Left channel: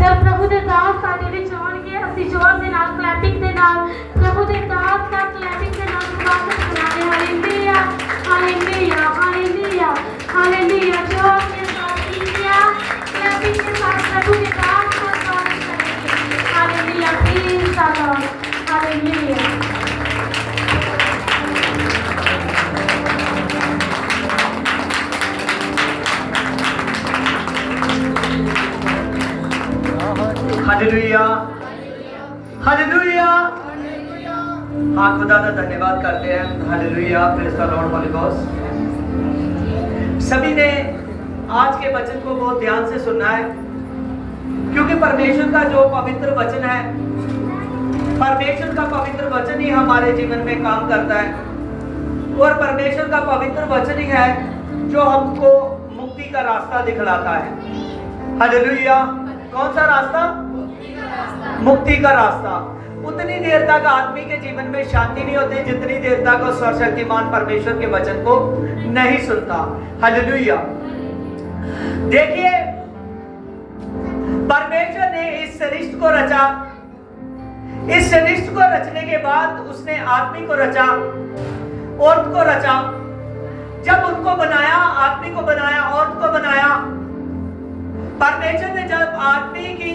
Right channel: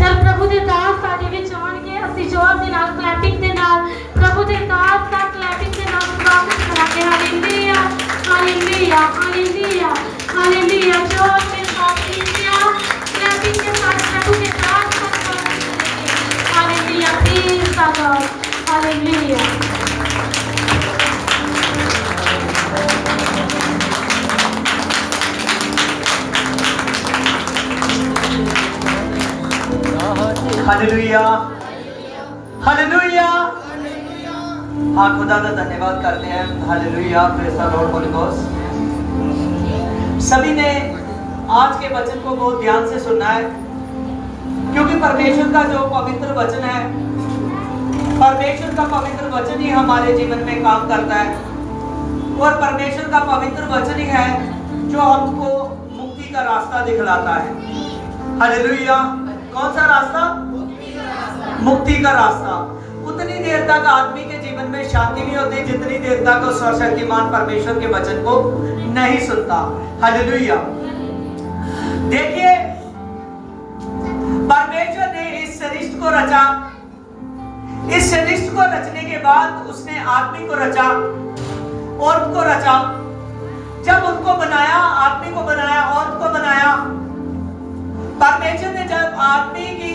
चल प्रभु दे दास साडे विच आउणगे ਅਸੀਂ जोर ਦੇ ਨਾਲ ਕਲੈਪਿੰਗ ਦੇ ਨਾਲ प्रभु दे दास ਦਾ ਕਲੈਪਿੰਗ ਦੇ ਨਾਲ ਸਵਾਗਤ ਕਰਾਂਗੇ ਹਾਲੇਲੂਇਆ ਹਾਲੇਲੂਇਆ ਹਾਲੇਲੂਇਆ हालेलुया जोर के साथ क्लैपिंग के साथ प्रभु के नाम का स्वागत करेंगे hallelujah praise the Lord hallelujah hallelujah hallelujah हाँ खुदा का धन्यवाद करते हैं hallelujah praise the Lord Holi ghost सभी ने आज के वचन को बहुत ध्यान से सुनना है क्योंकि परमेश्वर का जो पवित्र वचन है परमेश्वर का पवित्र वचन ही हमारे जीवन में काम करता है और परमेश्वर का पवित्र वचन ही है जो हमको मुक्ति का रास्ता दिखलाता है हालेलुया कौन सा रास्ता मुक्ति का रास्ता उतनी देर तक आदमी के जीवन में शांति नहीं होती जितनी देर तक वो सर्वशक्तिमान परमेश्वर के वचन को नहीं सुनता हालेलुया देखिए परमेश्वर ने इस सृष्टि को रचा इस सृष्टि को रचने के बाद उसने आदमी को रचा औरत को रचा जब उनको बनाया आदमी को बनाया औरत को बनाया परमेश्वर ने जब आदमी की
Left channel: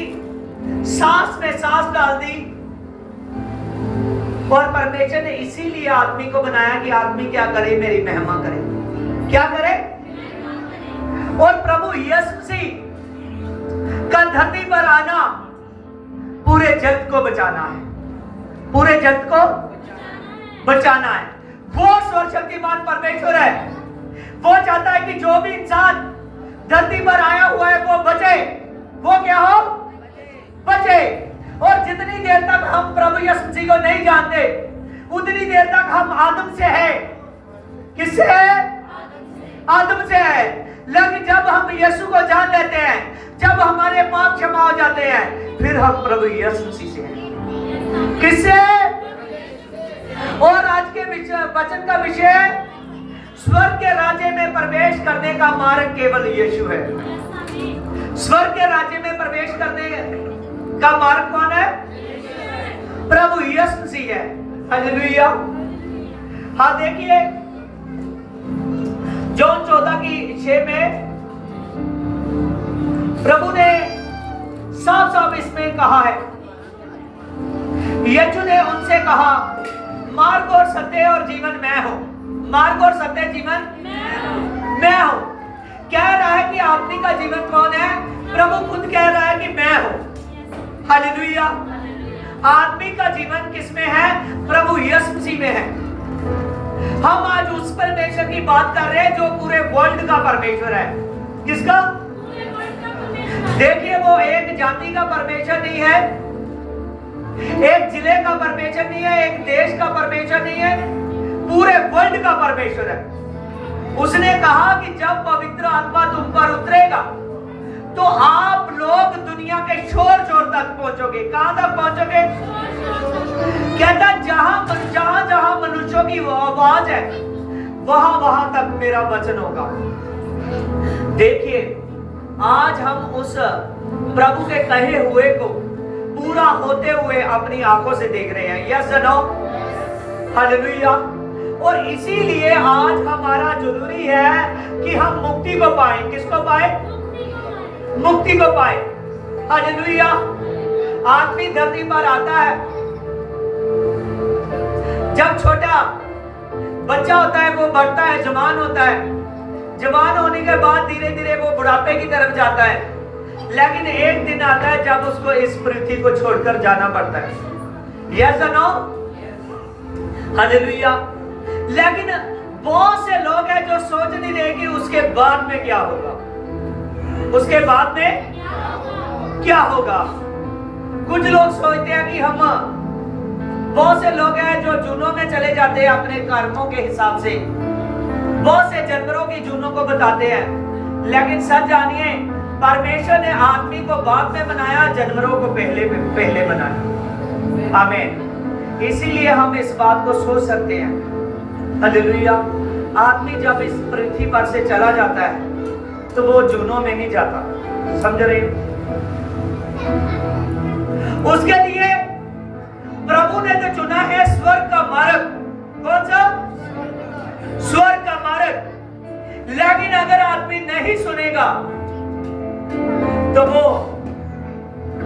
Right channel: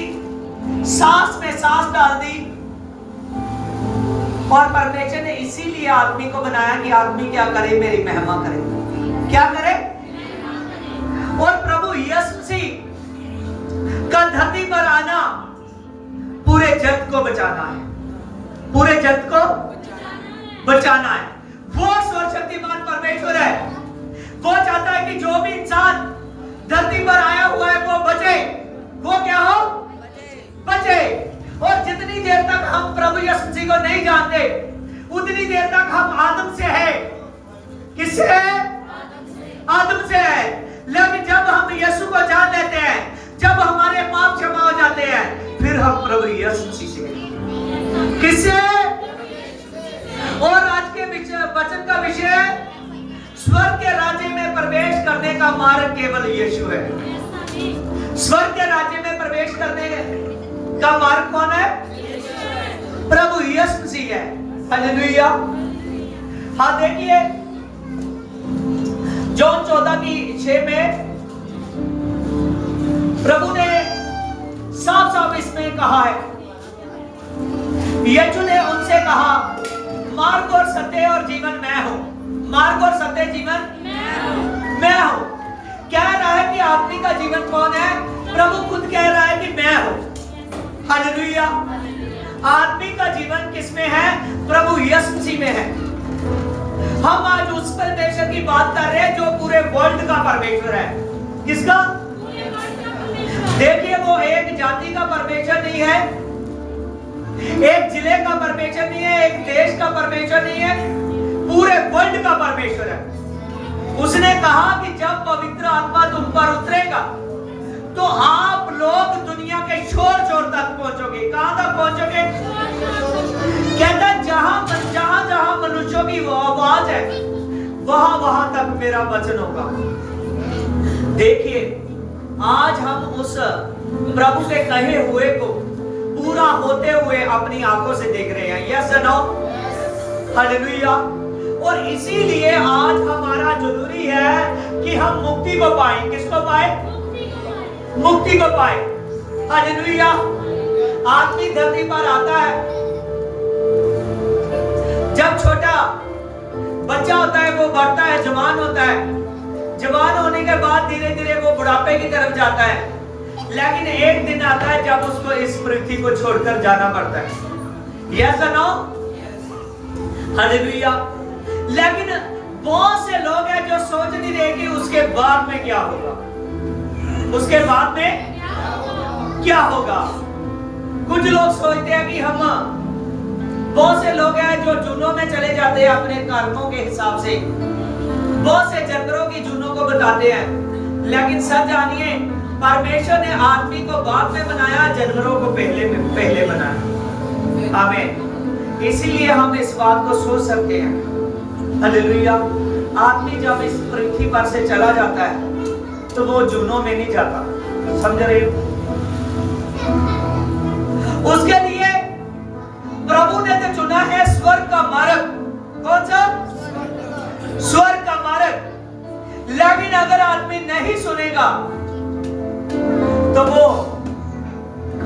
सांस में सांस डाल दी और परमेश्वर ने इसीलिए आदमी को बनाया कि आदमी क्या करे मेरी महिमा करे क्या करे और प्रभु यीशु मसीह का धरती पर आना पूरे जगत को बचाना है पूरे जगत को बचाना है वो सर्वशक्तिमान परमेश्वर है वो चाहता है कि जो भी इंसान धरती पर आया हुआ है वो बचे वो क्या हो बचे और जितनी देर तक हम प्रभु यीशु मसीह को नहीं जानते उतनी देर तक हम आदम से है किससे है आदम से है लेकिन जब हम यीशु को जान लेते हैं जब हमारे पाप क्षमा हो जाते हैं फिर हम प्रभु यीशु मसीह से हैं किससे और आज के वचन का विषय स्वर्ग के राज्य में प्रवेश करने का मार्ग केवल यीशु है स्वर्ग के राज्य में प्रवेश करने का मार्ग कौन है प्रभु यीशु मसीह है हालेलुया हाँ देखिए जॉन 14:6 में प्रभु ने साफ साफ इसमें कहा है यीशु ने उनसे कहा मार्ग और सत्य और जीवन मैं हूं मार्ग और सत्य जीवन मैं हूं कह रहा है कि आदमी का जीवन कौन है प्रभु खुद कह रहा है कि मैं हूं हालेलुया आदमी का जीवन किसमें है प्रभु यीशु मसीह में है हम आज उस परमेश्वर की बात कर रहे हैं जो पूरे वर्ल्ड का परमेश्वर है किसका देखिए वो एक जाति का परमेश्वर नहीं है एक जिले का परमेश्वर नहीं है एक देश का परमेश्वर नहीं है पूरे वर्ल्ड का परमेश्वर है उसने कहा कि जब पवित्र आत्मा तुम पर उतरेगा तो आप लोग दुनिया के छोर छोर तक पहुंचोगे कहां तक पहुंचोगे कहता जहां जहां मनुष्यों की आवाज है वहां वहां तक मेरा वचन होगा देखिए आज हम उस प्रभु के कहे हुए को पूरा होते हुए अपनी आंखों से देख रहे हैं यस नो हालेलुया और इसीलिए आज हमारा जरूरी है कि हम मुक्ति को पाए किसको पाए मुक्ति को पाए हालेलुया आदमी धरती पर आता है जब छोटा बच्चा होता है वो बढ़ता है जवान होता है जवान होने के बाद धीरे धीरे वो बुढ़ापे की तरफ जाता है लेकिन एक दिन आता है जब उसको इस पृथ्वी को छोड़कर जाना पड़ता है यस नो हालेलुया लेकिन बहुत से लोग हैं जो सोच नहीं रहे कि उसके बाद में क्या होगा उसके बाद में क्या होगा कुछ लोग सोचते हैं कि हम बहुत से लोग हैं जो जूनों में चले जाते हैं अपने कर्मों के हिसाब से बहुत से जानवरों की जूनों को बताते हैं लेकिन सच जानिए परमेश्वर ने आदमी को बाद में बनाया जानवरों को पहले बनाया आमीन इसीलिए हम इस बात को सोच सकते हैं हालेलुया आदमी जब इस पृथ्वी पर से चला जाता है तो वो जूनों में नहीं जाता समझ रहे उसके लिए प्रभु ने तो चुना है स्वर्ग का मार्ग। कौन सा? स्वर्ग का मार्ग। लेकिन अगर आदमी नहीं सुनेगा तो वो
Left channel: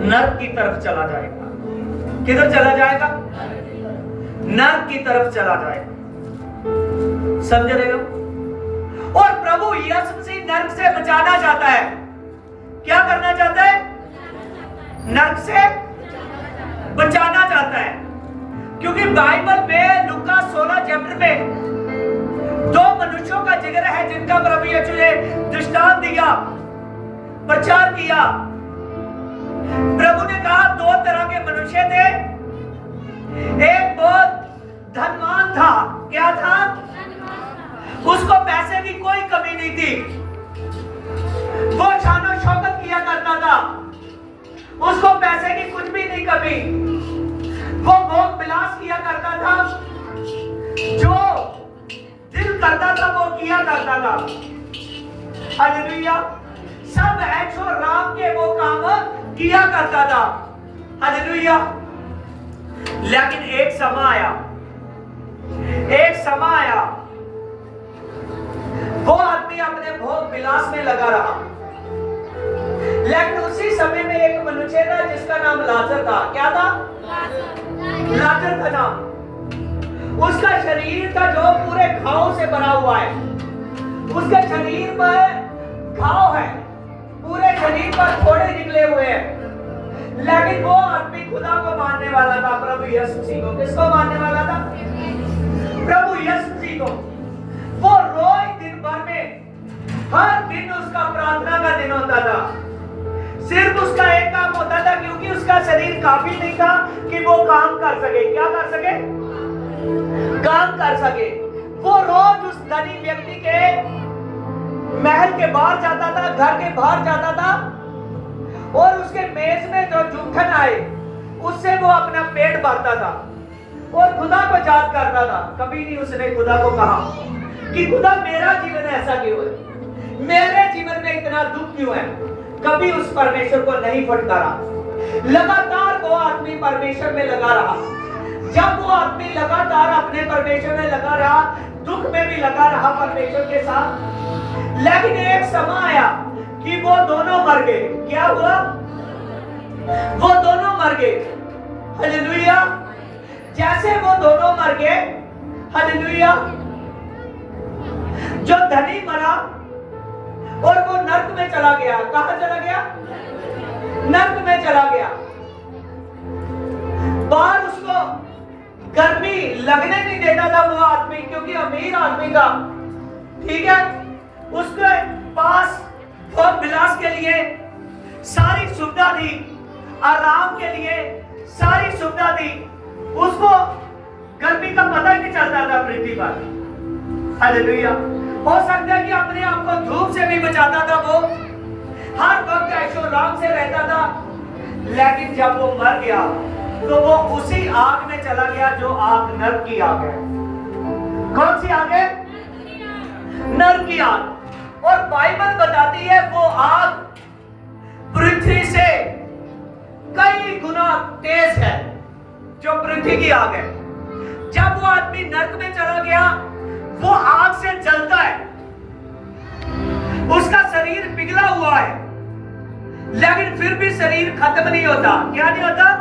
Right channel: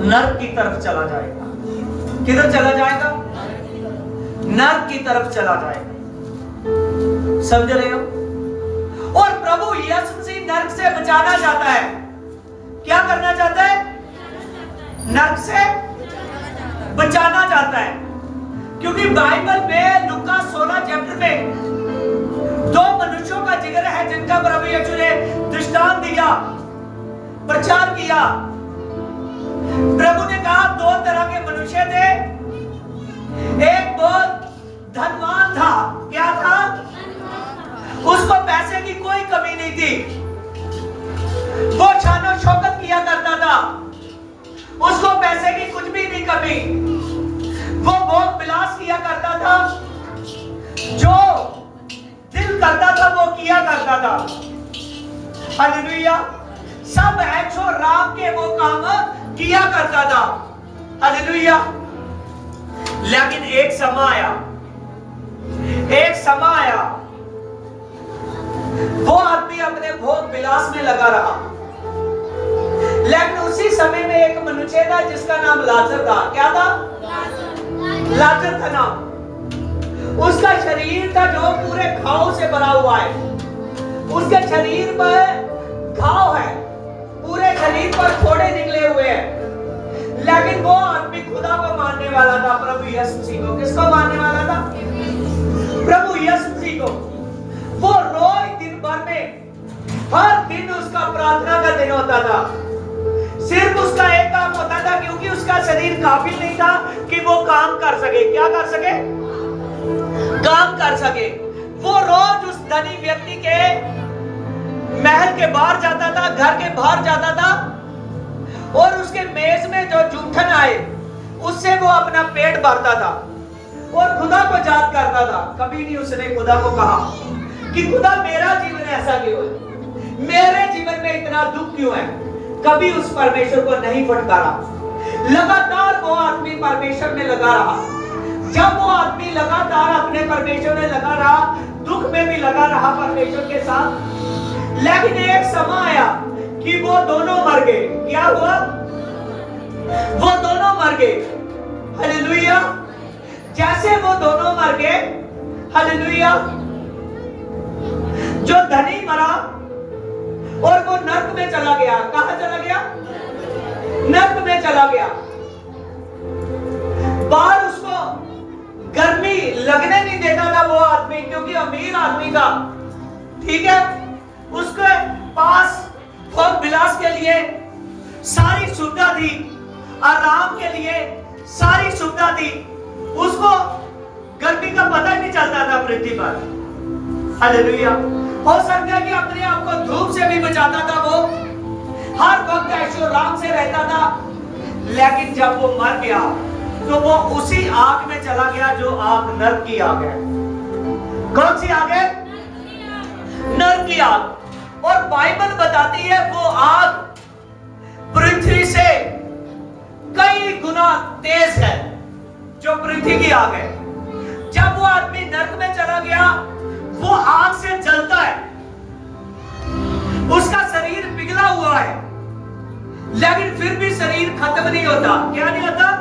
नरक की तरफ चला जाएगा। किधर चला जाएगा? नरक की तरफ चला जाएगा। समझ रहे हो? और प्रभु यीशु मसीह नरक से बचाना चाहता है। क्या करना चाहता है? नरक से बचाना चाहता है। क्योंकि बाइबल में लूका 16 चैप्टर में दो मनुष्यों का जिक्र है जिनका प्रभु यीशु ने दृष्टांत दिया, प्रचार किया। प्रभु ने कहा दो तरह के मनुष्य थे। एक बहुत धनवान था। क्या था? उसको पैसे की कोई कमी नहीं थी। वो शानो शौकत किया करता था। उसको पैसे की कुछ भी नहीं कमी। वो भोग विलास किया करता था। जो दिल करता था वो किया करता था। हालेलुया। सब ऐशो आराम के वो काम किया करता था। हालेलुया। लेकिन एक समय आया, वो आदमी अपने भोग विलास में लगा रहा। लेकिन उसी समय में एक मनुष्य था जिसका नाम लाजर था। क्या था? लाजर था नाम। उसका शरीर का जो पूरे घाव से बना हुआ है। उसके शरीर पर घाव है, पूरे शरीर पर फोड़े निकले हुए हैं। लेकिन वो आदमी खुदा को मानने वाला था, प्रभु यीशु मसीह को। किसको मानने वाला था? प्रभु यीशु मसीह को। वो रोज दिन भर में, हर दिन उसका प्रार्थना का दिन होता था। सिर्फ उसका एक काम होता था, क्योंकि उसका शरीर काफी नहीं था कि वो काम कर सके। क्या कर सके? काम कर सके। वो रोज उस धनी व्यक्ति के महल के बाहर जाता था, घर के बाहर जाता था, और उसके मेज में जो जूठन आए उससे वो अपना पेट भरता था और खुदा को याद करता था। कभी नहीं उसने खुदा को कहा कि खुदा मेरा जीवन ऐसा क्यों है, मेरे जीवन में इतना दुख क्यों है। कभी उस परमेश्वर को नहीं फटकारा। लगातार वो आदमी परमेश्वर में लगा रहा। जब वो आदमी लगातार अपने परमेश्वर में लगा रहा, दुख में भी लगा रहा परमेश्वर के साथ। लेकिन एक समय आया कि वो दोनों मर गए। क्या हुआ? वो दोनों मर गए। हालेलुया। जैसे वो दोनों मर गए, हालेलुया, जो धनी मरा और वो नरक में चला गया। कहां चला गया? नरक में चला गया। बाहर उसको गर्मी लगने नहीं देता था वो आदमी, क्योंकि अमीर आदमी था। ठीक है, उसके पास भोग विलास के लिए सारी सुविधा थी, आराम के लिए सारी सुविधा थी। उसको गर्मी का पता ही नहीं चलता था पृथ्वी पर। हालेलुया। हो सकता है कि अपने आप को धूप से भी बचाता था। वो हर वक्त ऐशो आराम से रहता था। लेकिन जब वो मर गया तो वो उसी आग में चला गया जो आग नरक की आग है। कौन सी आग है? नरक की आग। और बाइबल बताती है वो आग पृथ्वी से कई गुना तेज है, जो पृथ्वी की आग है। जब वो आदमी नरक में चला गया, वो आग से जलता है। उसका शरीर पिघला हुआ है, लेकिन फिर भी शरीर खत्म नहीं होता। क्या नहीं होता?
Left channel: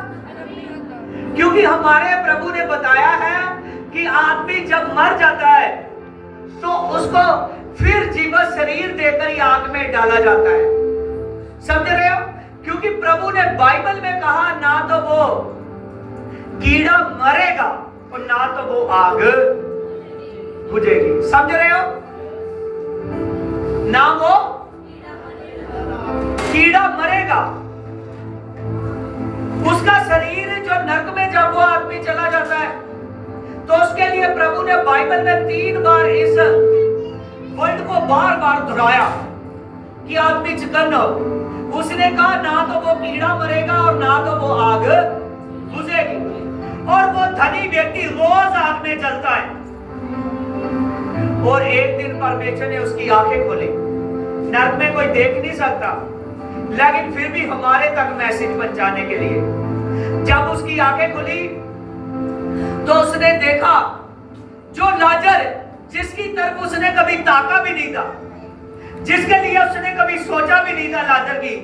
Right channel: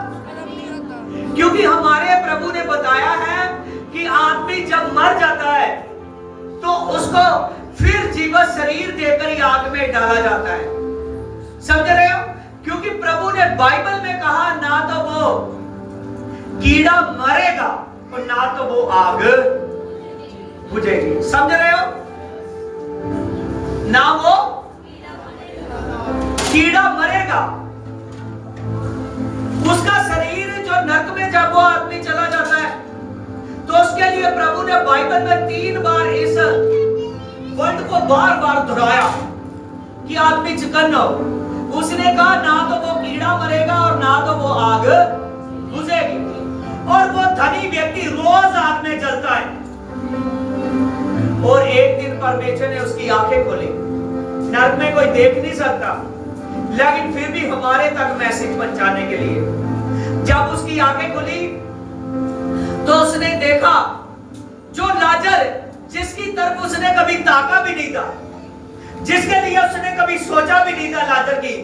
क्योंकि हमारे प्रभु ने बताया है कि आदमी जब मर जाता है तो उसको फिर जीवित शरीर देकर ही आग में डाला जाता है। समझ रहे हो? क्योंकि प्रभु ने बाइबल में कहा ना तो वो कीड़ा मरेगा और ना तो वो आग बुझेगी। समझ रहे हो? ना वो कीड़ा मरेगा। उसका शरीर जो नरक में जब वो आदमी चला जाता है तो उसके लिए प्रभु ने बाइबल में 3 बार इस वर्ड को बार बार दोहराया कि आदमी चिकन हो। उसने कहा ना तो वो कीड़ा मरेगा और ना तो वो आग बुझेगी। और वो धनी व्यक्ति रोज आग में जलता है। और एक दिन परमेश्वर ने उसकी आंखें खोली। नरक में कोई देख नहीं सकता, लेकिन फिर भी हमारे तक मैसेज पहुंचाने के लिए उसकी आंखें खुली तो उसने देखा जो लाजर जिसकी तरफ उसने कभी ताका भी नहीं था, जिसके लिए उसने कभी सोचा भी नहीं था लाजर की,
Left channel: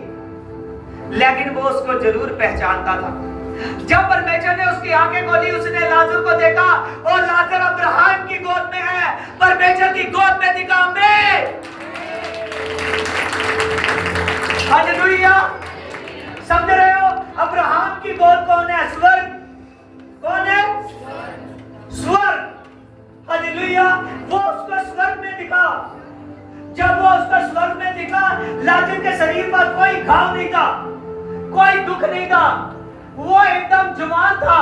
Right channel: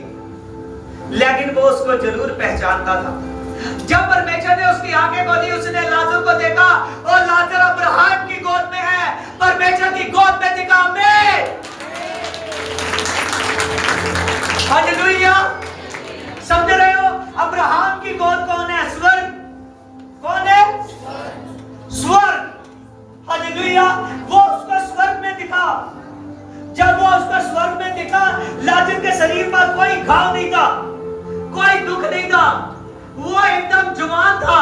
लेकिन वो उसको जरूर पहचानता था। जब परमेश्वर ने उसकी आंखें खोली, उसने लाजर को देखा और लाजर अब्राहम की गोद में है, परमेश्वर की गोद में दिखा। हालेलुया। समझ रहे हो? अब्राहम की गोद कौन है? स्वर्ग। कौन है? स्वर्ग। हालेलुया। वो उसको स्वर्ग में दिखा। जब वो उसको स्वर्ग में दिखा, लाजर के शरीर पर कोई घाव नहीं था, कोई दुख नहीं था, वो एकदम जवान था।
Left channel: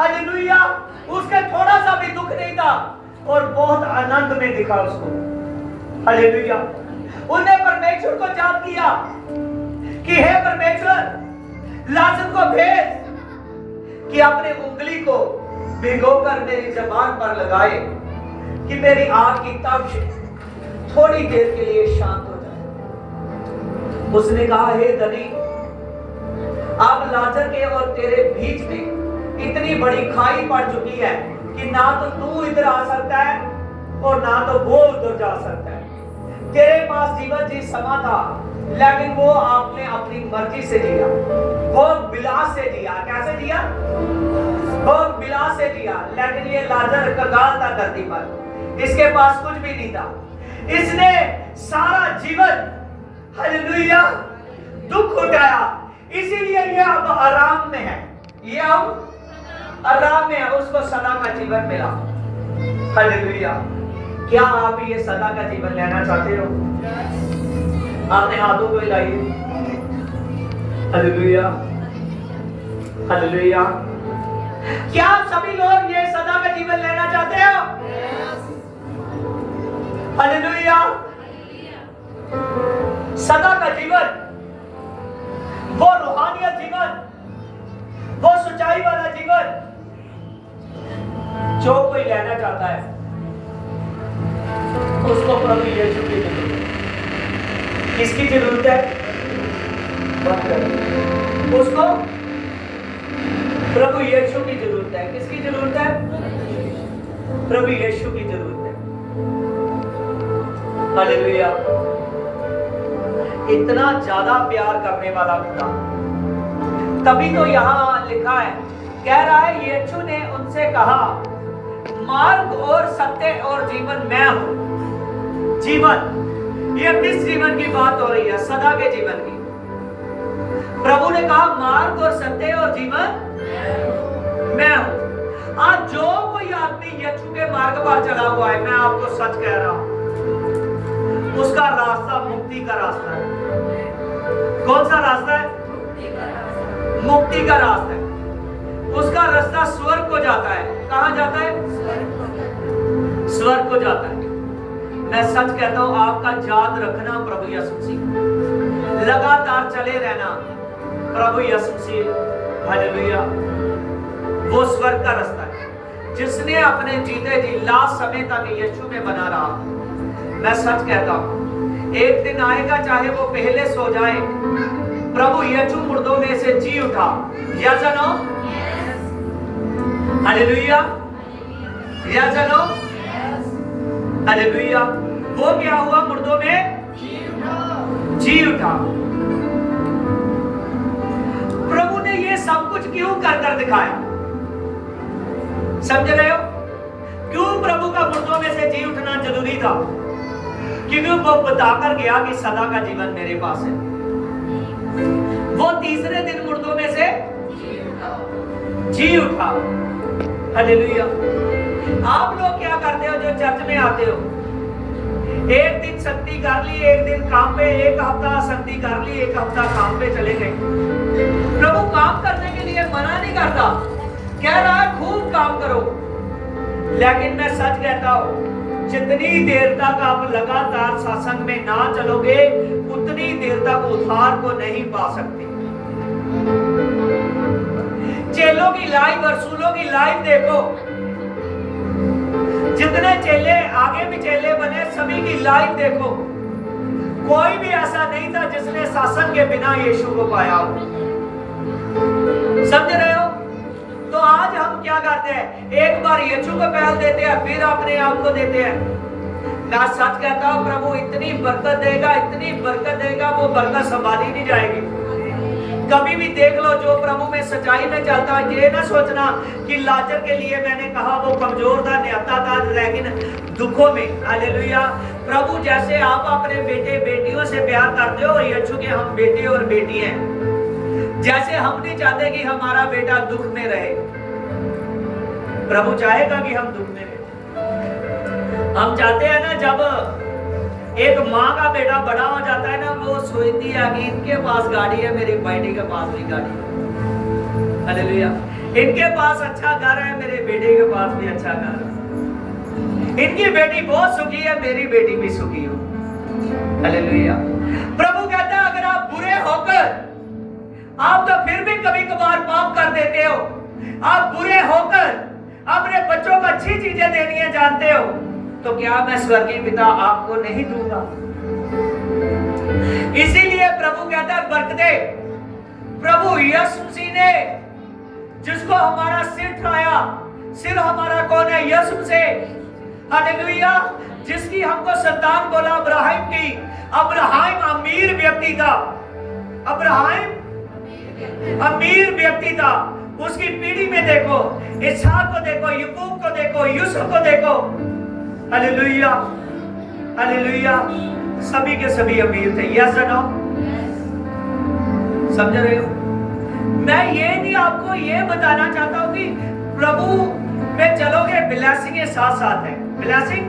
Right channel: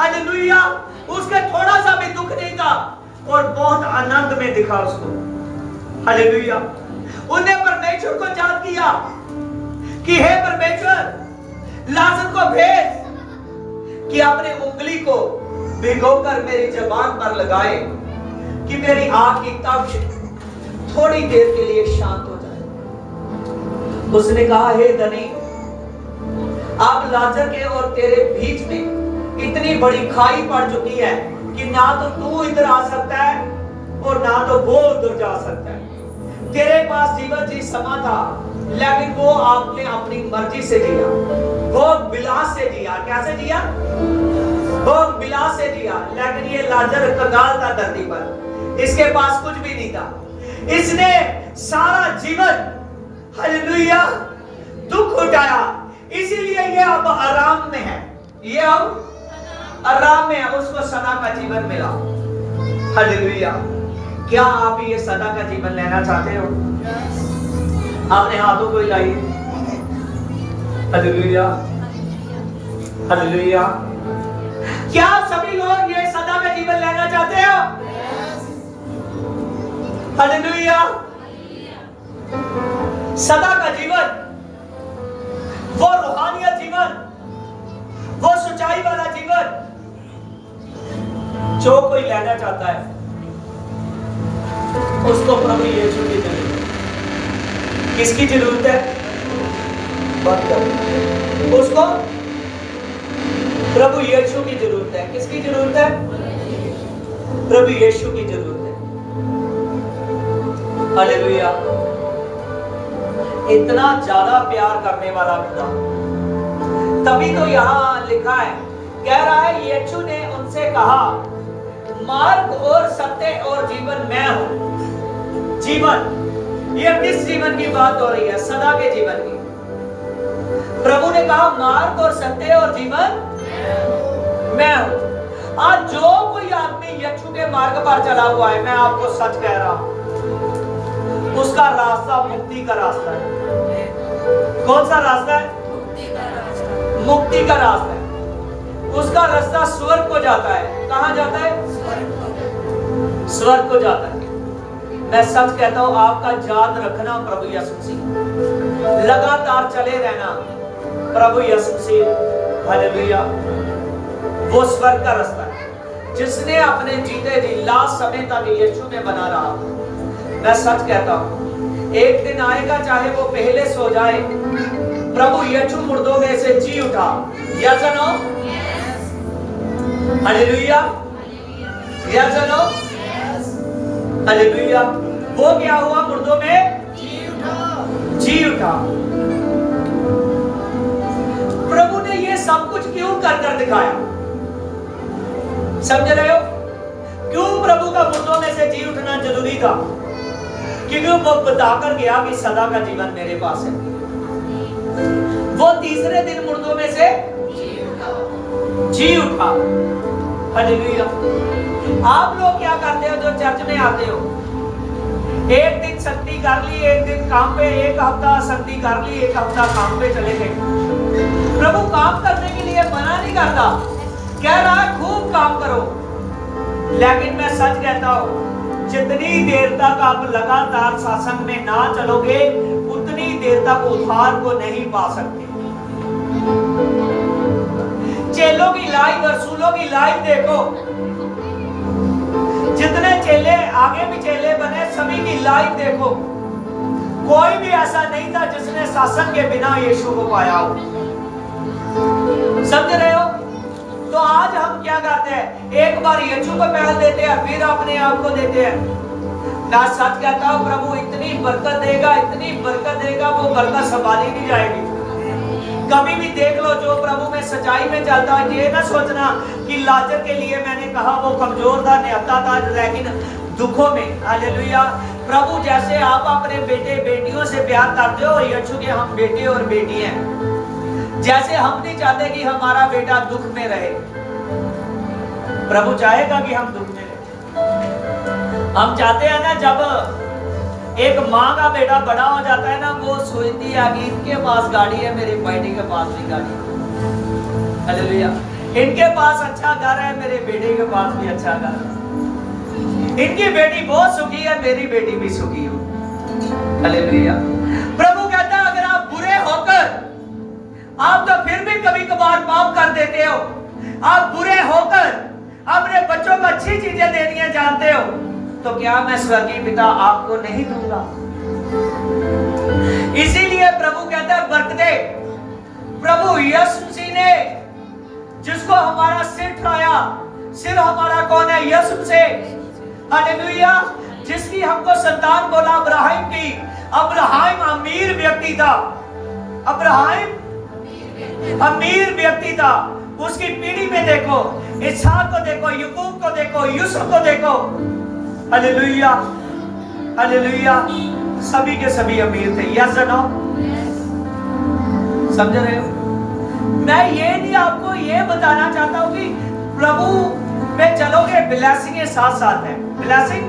हालेलुया। उसके थोड़ा सा भी दुख नहीं था और बहुत आनंद में दिखा उसको। हालेलुया। उन्हें परमेश्वर को याद किया कि हे परमेश्वर, लाजर को भेज कि अपने उंगली को भिगोकर मेरी जबान पर लगाए कि मेरी आंख की तप थोड़ी देर के लिए शांत हो जाए। उसने कहा, हे धनी, अब लाजर के और तेरे बीच में इतनी बड़ी खाई पड़ चुकी है कि ना तो तू इधर आ सकता है और ना तो वो उधर जा सकता है। तेरे पास जीवन जी समा था, लेकिन वो आपने अपनी मर्जी से जिया, भोग विलास से जिया। कैसे जिया? भोग विलास से जिया। लेकिन ये लाजर कंगाल था धरती पर, इसके पास कुछ भी नहीं था। इसने सारा जीवन, हालेलुया, दुख उठाया, इसीलिए ये अब आराम में है। ये अब आराम में है, उसको सदा का जीवन मिला। हालेलुया। क्या आप ये सदा का जीवन लेना चाहते हो? आपने हाथों को हिलाइए। Hallelujah, hallelujah. क्या सभी लोग ये सदा का जीवन लेना चाहते हो? हालेलुया। सदा का जीवन, वो रूहानियत जीवन, वो सच्चाई वाला जीवन जो कोई लेना चाहता है, उसको प्रभु यीशु की जरूरत है। किसकी जरूरत है? बात करो। उसको प्रभु यीशु की जरूरत है। किसकी जरूरत है? प्रभु यीशु की जरूरत है। हालेलुया। इतना ज्यादा प्यार करने वाला खुदा, तभी तो यहां लिखा है, कह रहा है, यीशु ने उनसे कहा, मार्ग और सत्य और जीवन मैं हूं। जीवन, ये किस जीवन की बात हो रही है? सदा के जीवन की। प्रभु ने कहा, मार्ग और सत्य और जीवन मैं हूं। आज जो कोई आदमी यीशु के मार्ग पर चला हुआ है, मैं आपको सच कह रहा हूं, उसका रास्ता मुक्ति का रास्ता है। कौन सा रास्ता है? मुक्ति का रास्ता है। उसका रास्ता स्वर्ग को जाता है। कहां जाता है? स्वर्ग को जाता है। मैं सच कहता हूं, आपका याद रखना प्रभु यीशु मसीह, लगातार चले रहना प्रभु यीशु मसीह। हालेलुया। वो स्वर्ग का रास्ता है। जिसने अपने जीते जी लास्ट समय तक यीशु में बना रहा, मैं सच कहता हूं, एक दिन आएगा, चाहे वो पहले सो जाए, प्रभु यीशु मुर्दों में से जी उठा। यस और नो? हालेलुया। यस और नो? हालेलुया। वो क्या हुआ? मुर्दों में जी उठा। जी उठा। प्रभु ने ये सब कुछ क्यों कर दिखाया? समझ रहे हो? क्यों प्रभु का मुर्दों में से जी उठना जरूरी था? क्योंकि वो बताकर गया कि सदा का जीवन मेरे पास है। वो तीसरे दिन मुर्दों में से जी उठा। हालेलुया। आप लोग क्या करते हो जो चर्च में आते हो? एक दिन शक्ति कर ली, एक दिन काम पे, एक हफ्ता शक्ति कर ली, एक हफ्ता काम पे चले गए। प्रभु काम करने के लिए मना नहीं करता, कह रहा है खूब काम करो। लेकिन मैं सच कहता हूं, जितनी देर तक आप लगातार सत्संग में ना चलोगे, उतनी देर तक उद्धार को नहीं पा सकते। चेलों की लाइफ, रसूलों की लाइफ देखो, जितने चेले आगे भी चेले बने, सभी की लाइफ देखो, कोई भी ऐसा नहीं था जिसने सत्संग के बिना यीशु को पाया हो। समझ रहे हो? क्या करते हैं, एक बार यीशु को पहल देते हैं, फिर अपने आप को देते हैं। मैं सच कहता हूं, प्रभु इतनी बरकत देगा, इतनी बरकत देगा, वो बरकत संभाली नहीं जाएगी। कभी भी देख लो, जो प्रभु में सच्चाई में चलता है, ये ना सोचना कि लाजर के लिए मैंने कहा वो कमजोर था, न्याता था, लेकिन दुखों में, हालेलुया, प्रभु जैसे आप अपने बेटे बेटियों से प्यार करते हो, यीशु के हम बेटे और बेटी हैं। जैसे हम नहीं चाहते कि हमारा बेटा दुख में रहे, प्रभु चाहेगा कि हम दुख में रहे। हम चाहते हैं ना, जब एक माँ का बेटा बड़ा हो जाता है ना, वो सोचती है कि इनके पास गाड़ी है, मेरी बेटी के पास भी गाड़ी है, हालेलुया, इनके पास अच्छा घर है, मेरे बेटे के पास भी अच्छा घर है, इनकी बेटी बहुत सुखी है, मेरी बेटी भी सुखी हो, हालेलुया। प्रभु कहता है, अगर आप बुरे होकर, आप तो फिर भी कभी कभार पाप कर देते हो, आप बुरे होकर अपने बच्चों को अच्छी चीजें देनी है जानते हो, तो क्या मैं स्वर्गीय पिता आपको नहीं दूंगा? इसीलिए प्रभु कहता है बरकतें, प्रभु यीशु मसीह ने जिसको हमारा सिर उठाया, सिर हमारा कौन है? यीशु मसीह, हालेलुया, जिसकी हमको संतान बोला अब्राहम की। अब्राहम अमीर व्यक्ति था, अब्राहम अमीर व्यक्ति था। उसकी पीढ़ी में देखो, इसहाक को देखो, याकूब को देखो, यूसुफ को देखो, हालेलुया, हालेलुया, सभी के सभी अमीर थे। यस और नो? समझ रहे हो? मैं ये नहीं आपको ये बताना चाहता हूं कि प्रभु में चलोगे, ब्लेसिंग साथ साथ है। ब्लेसिंग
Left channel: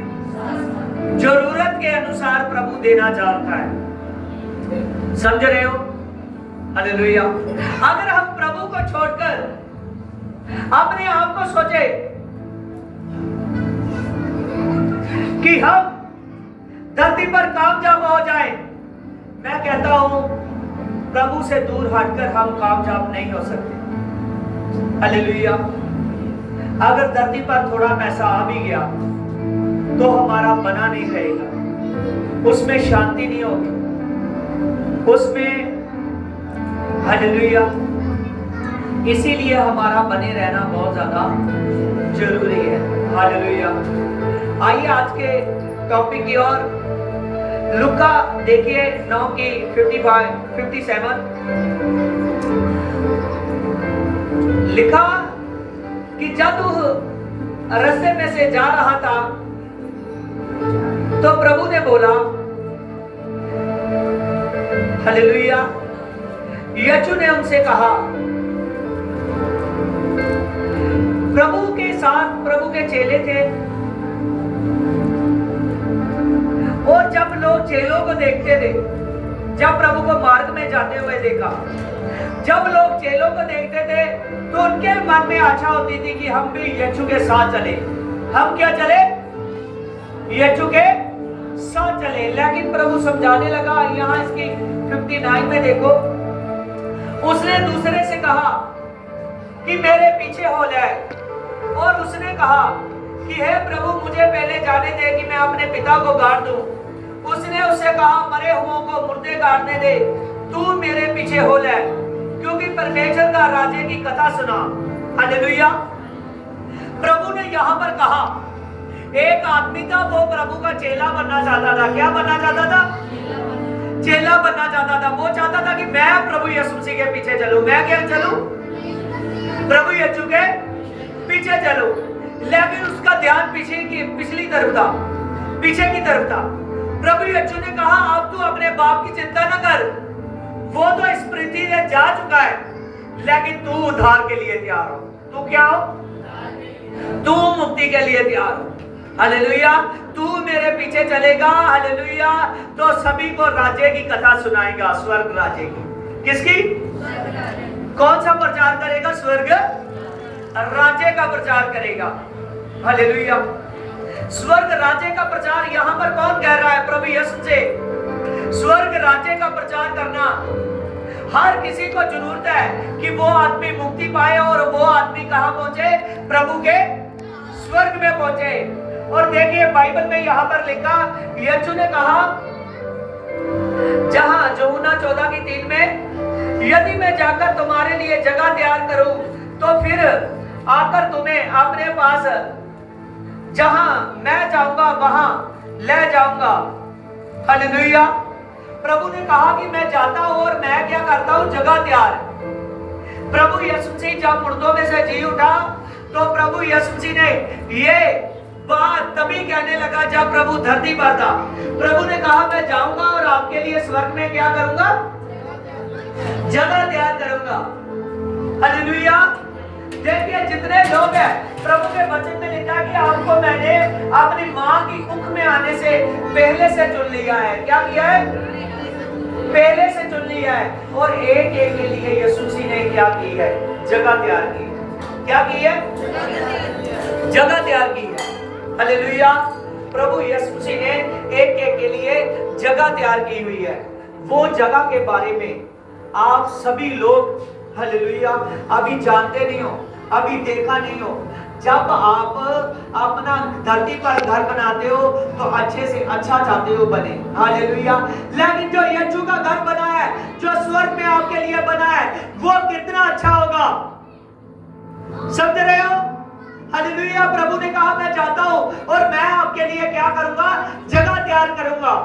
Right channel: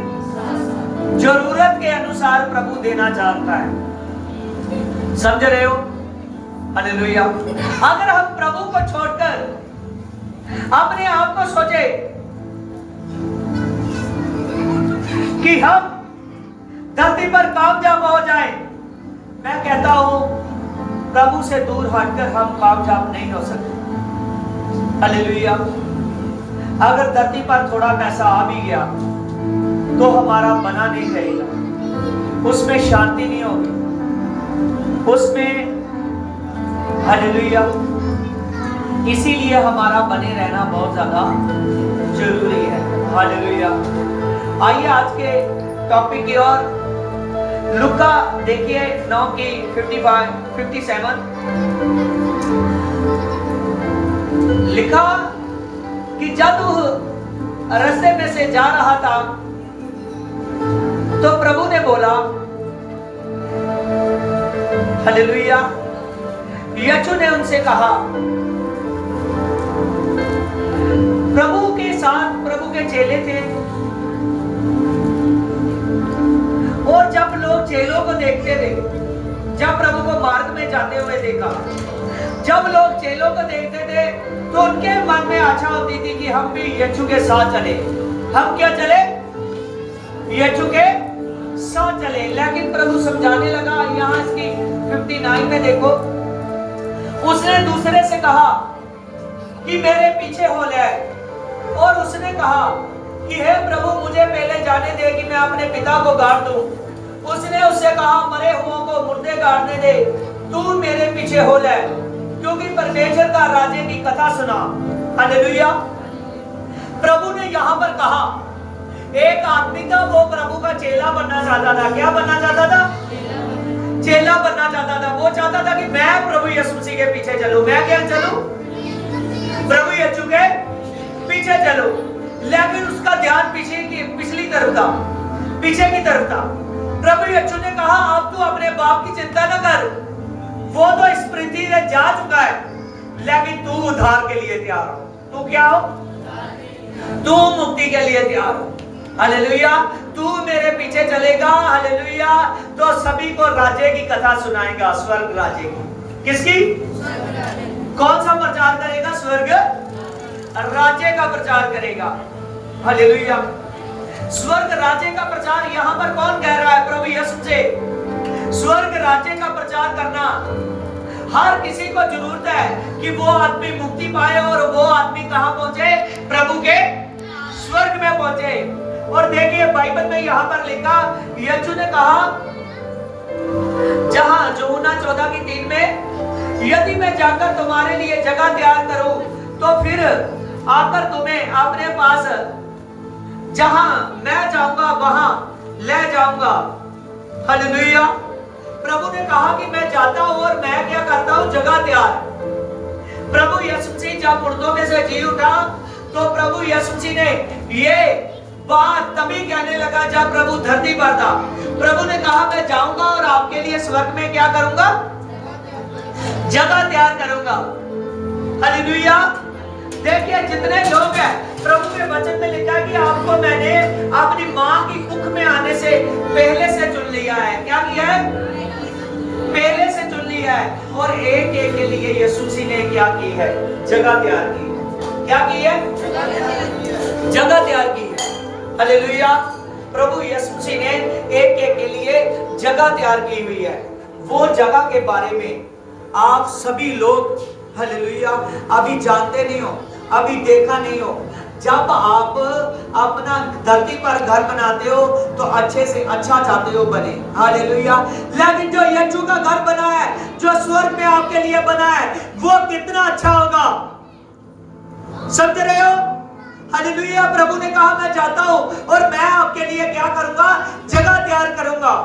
जरूरत के अनुसार प्रभु देना चाहता है, समझ रहे हो? हालेलुया। अगर हम प्रभु को छोड़कर अपने आप को सोचे कि हम धरती पर कामयाब हो जाए, मैं कहता हूं प्रभु से दूर हटकर हम कामयाब नहीं हो सकते। हालेलुया। अगर धरती पर थोड़ा पैसा आ भी गया तो हमारा बना नहीं रहेगा, उसमें शांति नहीं होगी, उसमें, हालेलुया, इसीलिए हमारा बने रहना बहुत ज्यादा जरूरी है। हालेलुया। आइए आज के टॉपिक की ओर। लुका देखिए 9 की 57 लिखा कि जब रास्ते में से जा रहा था तो प्रभु ने बोला, हालेलुया, यीशु ने उनसे कहा, प्रभु के साथ प्रभु के चेले थे, और जब लोग चेलों को देखते थे, जब प्रभु को मार्ग में जाते हुए देखा, जब लोग चेलों को देखते थे तो उनके मन में आशा होती थी कि हम भी यीशु के साथ चले। हम क्या चले? यीशु के साथ चले। लेकिन प्रभु समझाने लगा, यहां इसकी 59 में देखो, उसने दूसरे से कहा कि मेरे पीछे हो ले, और उसने कहा कि हे प्रभु मुझे पहले जाने दे कि मैं अपने पिता को गाड़ दूं। उसने उससे कहा, मरे हुओं को मुर्दे गाड़ने दे, तू मेरे पीछे हो ले, क्योंकि परमेश्वर का राज्य की कथा सुना। हालेलुया। प्रभु ने यहां पर कहा, एक आदमी था, वो प्रभु का चेला बनना चाहता था। क्या बनना चाहता था? चेला बनना चाहता था। वो चाहता था कि मैं प्रभु यीशु मसीह के पीछे चलूं। मैं क्या चलूं? प्रभु यीशु के पीछे चलूं। लेकिन उसका ध्यान पिछली तरफ था, पीछे की तरफ था। प्रभु यीशु ने कहा, अब तू अपने बाप की चिंता न कर, वो तो इस पृथ्वी से जा चुका है, लेकिन तू उद्धार के लिए तैयार हो। तू क्या हो? तू मुक्ति के लिए तैयार हो। हालेलुया। तू मेरे पीछे चलेगा, हालेलुया, तो सभी को राज्य की कथा सुनाएगा, स्वर्ग राज्य की। किसकी? कौन सा प्रचार करेगा? स्वर्ग राज्य का प्रचार करेगा। हालेलुया। स्वर्ग राज्य का प्रचार यहां पर कौन कह रहा है? प्रभु यीशु से। स्वर्ग राज्य का प्रचार करना हर किसी को जरूरत है कि वो आदमी मुक्ति पाए, और वो आदमी कहां पहुंचे? प्रभु के स्वर्ग में पहुंचे। और देखिए बाइबल में यहां पर लिखा, यीशु ने कहा, जहां यूहन्ना 14:3 में, यदि मैं जाकर तुम्हारे लिए जगह तैयार करूं तो फिर आकर तुम्हें अपने पास जहां मैं जाऊंगा वहां ले जाऊंगा। हालेलुया। प्रभु ने कहा कि मैं जाता हूं और मैं क्या करता हूं, जगह तैयार। प्रभु यीशु मसीह जब मुर्दों में से जी उठा तो प्रभु यीशु मसीह ने ये बात तभी कहने लगा जब प्रभु धरती पर था। प्रभु ने कहा मैं जाऊंगा और आपके लिए स्वर्ग में क्या करूंगा, जगह तैयार करूंगा। हालेलुया। देखिए जितने लोग हैं, प्रभु के वचन में लिखा है कि आपको मैंने अपनी मां की कुख में आने से पहले से चुन लिया है। क्या किया है, पहले से चुन लिया है। और एक एक के लिए यीशु मसीह ने क्या की है, जगह तैयार की है। क्या की है, जगह तैयार की है। हालेलुया। प्रभु यीशु मसीह ने एक एक के लिए जगह तैयार की हुई है। वो जगह के बारे में आप सभी लोग हालेलुया अभी जानते नहीं हो, अभी देखा नहीं हो। जब आप अपना धरती पर घर बनाते हो तो अच्छे से अच्छा चाहते हो बने। हालेलुया। लेकिन जो यीशु का घर बना है, जो स्वर्ग में आपके लिए बना है, वो कितना अच्छा होगा, समझ रहे हो। हालेलुया। प्रभु ने कहा मैं जाता हूं और मैं आपके लिए क्या करूंगा, जगह तैयार करूंगा।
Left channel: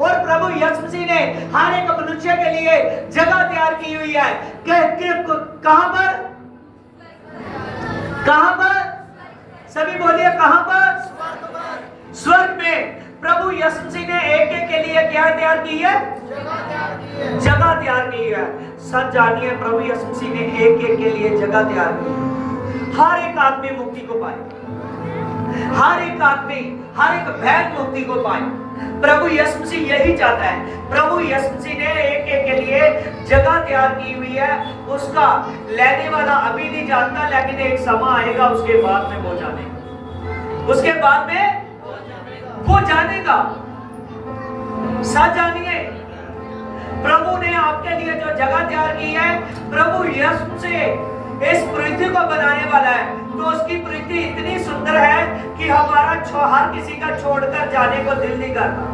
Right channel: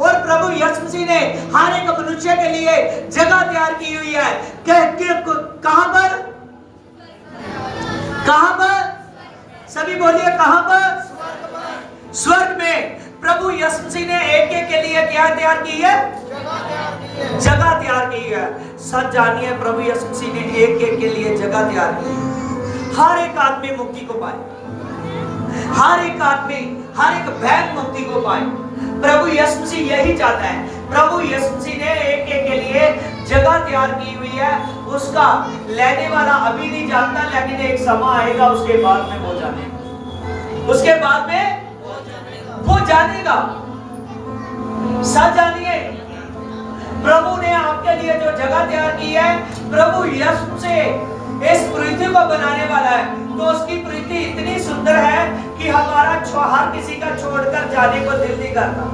और प्रभु यीशु मसीह ने हर एक मनुष्य के लिए जगह तैयार की हुई है। कहां पर, कहां पर, सभी बोलिए कहां पर, स्वर्ग में। प्रभु यीशु मसीह ने एक एक के लिए क्या तैयार की है, जगह तैयार की है। सच जानिए प्रभु यीशु मसीह ने एक एक के लिए जगह तैयार की है। हर एक आदमी मुक्ति को पाए, हर एक आदमी, हर एक बहन मुक्ति को पाए। प्रभु यीशु मसीह यही चाहता है। प्रभु यीशु मसीह ने एक एक के लिए जगह तैयार की हुई है। उसका लेने वाला अभी नहीं जानता, लेकिन एक समय आएगा उसके बाद में वो जानेगा, उसके बाद में वो जानेगा। सच जानिए प्रभु ने आपके लिए जो जगह तैयार की है, प्रभु यीशु से इस पृथ्वी को बनाने वाला है, तो उसकी पृथ्वी इतनी सुंदर है कि हमारा हर किसी का छोड़कर जाने को दिल नहीं करता।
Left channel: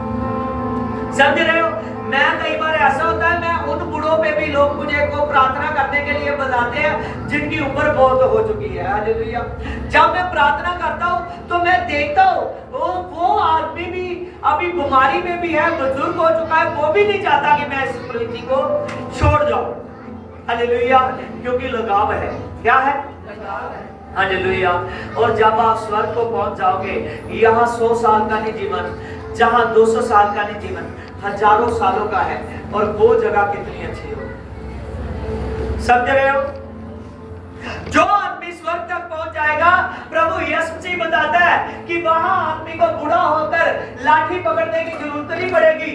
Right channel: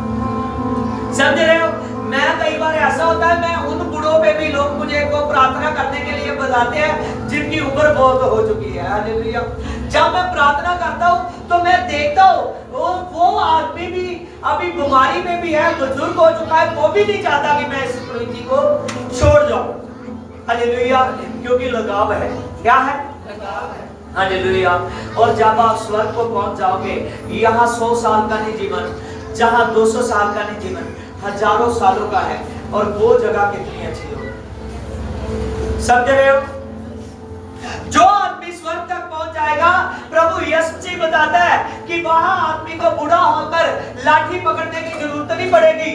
समझ रहे हो। मैं कई बार ऐसा होता है, मैं उन बूढ़ों पे भी लोग मुझे को प्रार्थना करने के लिए बताते हैं जिनकी उम्र बहुत हो चुकी है। हालेलुया। जब मैं प्रार्थना करता हूँ तो मैं देखता हूँ वो आदमी भी अभी बीमारी में भी है, बुजुर्ग हो चुका है, वो भी नहीं चाहता कि मैं इस पृथ्वी को छोड़ जाऊं। हालेलुया। क्योंकि लगाव है। क्या है, हालेलुया। और जब आप स्वर्ग को पहुंच जाओगे, यहाँ 100 साल का नहीं जीवन, जहाँ 200 साल का नहीं जीवन, हजारों सालों का है। और वो जगह कितनी अच्छी हो, समझ रहे हो। जो आदमी स्वर्ग तक पहुंच जाएगा, प्रभु यीशु मसीह बताता है कि वहां आदमी को बूढ़ा होकर लाठी पकड़ने की जरूरत नहीं पड़ेगी।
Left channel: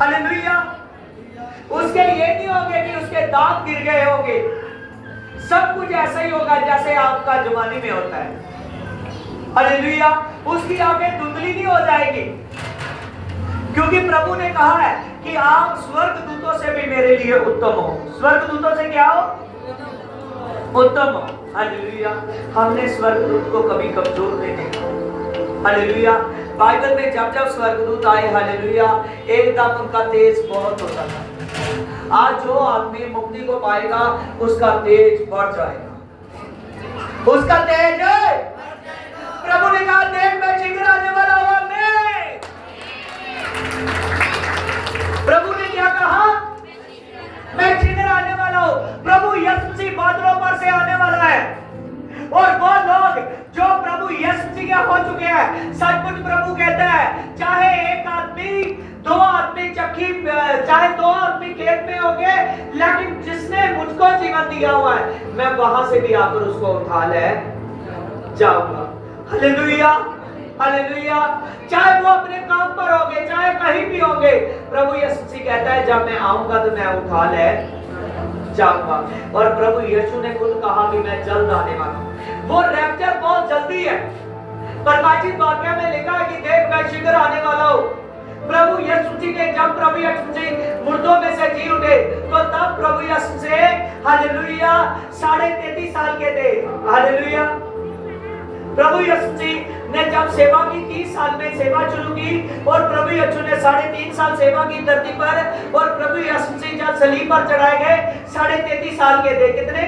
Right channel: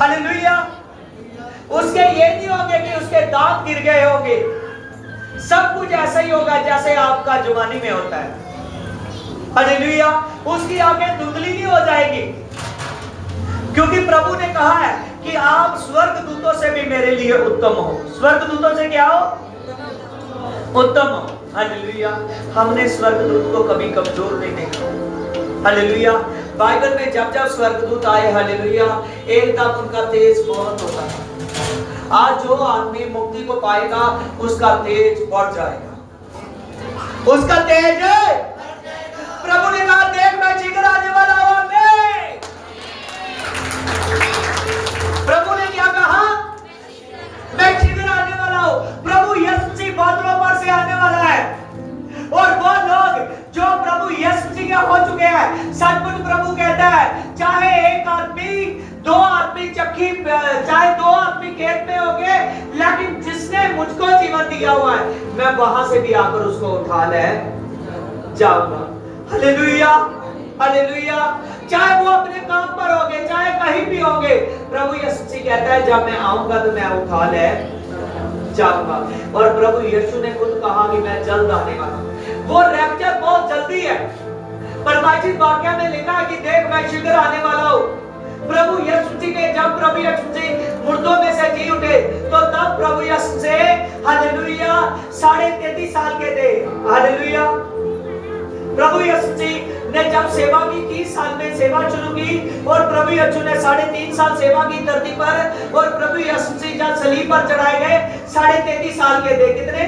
हालेलुया। उसके ये नहीं होंगे कि उसके दांत गिर गए होंगे। सब कुछ ऐसा ही होगा जैसे आपका जवानी में होता है। हालेलुया। उसकी आंखें धुंधली नहीं हो जाएगी, क्योंकि प्रभु ने कहा है कि आप स्वर्ग दूतों से भी मेरे लिए उत्तम हो। स्वर्ग दूतों से क्या हो, उत्तम हो। हालेलुया। हमने स्वर्ग दूत को कभी कमजोर नहीं देखा। हालेलुया। बाइबल में जब जब स्वर्गदूत आए, हालेलुया, एकदम उनका तेज बहुत होता था। आज जो आदमी मुक्ति को पाएगा उसका तेज बढ़ जाएगा, उसका तेज। प्रभु ने कहा देख मैं शीघ्र आने वाला हूं। प्रभु ने क्या कहा, मैं शीघ्र आने वाला हूं। प्रभु यीशु मसीह बादलों पर से आने वाला है। और वो लोग जो प्रभु यीशु मसीह के हो चुके हैं, सचमुच प्रभु कहता है चाहे एक आदमी, दो आदमी चक्की, चाहे दो आदमी खेत में हो गए, लेकिन जिसने मुझको जीवन दिया हुआ है, मैं वहां से भी आकर उसको उठा ले जाऊंगा। हालेलुया। हालेलुया। चाहे वो अपने काम पर होंगे, चाहे कहीं भी होंगे, प्रभु यीशु मसीह कहता है जब मैं आऊंगा तो मैं उठा ले जाऊंगा। और प्रभु यीशु ने खुद कहा कि मैं जल्द आने वाला हूं। वो रैप्चर बहुत जल्दी है। प्रकाशित वाक्य में लिखा है कि देख मैं शीघ्र आने वाला हूं। प्रभु यीशु मसीह ने जब प्रभु यीशु मसीह मुर्दों में से जी उठे, तो तब प्रभु यीशु से हालेलुया 33.5 साल के थे। हालेलुया। प्रभु यीशु मसीह ने जब सेवा की 30 साल में सेवा शुरू की, और प्रभु यीशु ने 3.5 साल सेवा की धरती पर, और प्रभु यीशु मसीह जब सलीब पर चढ़ाए गए 33.5 साल के थे। कितने?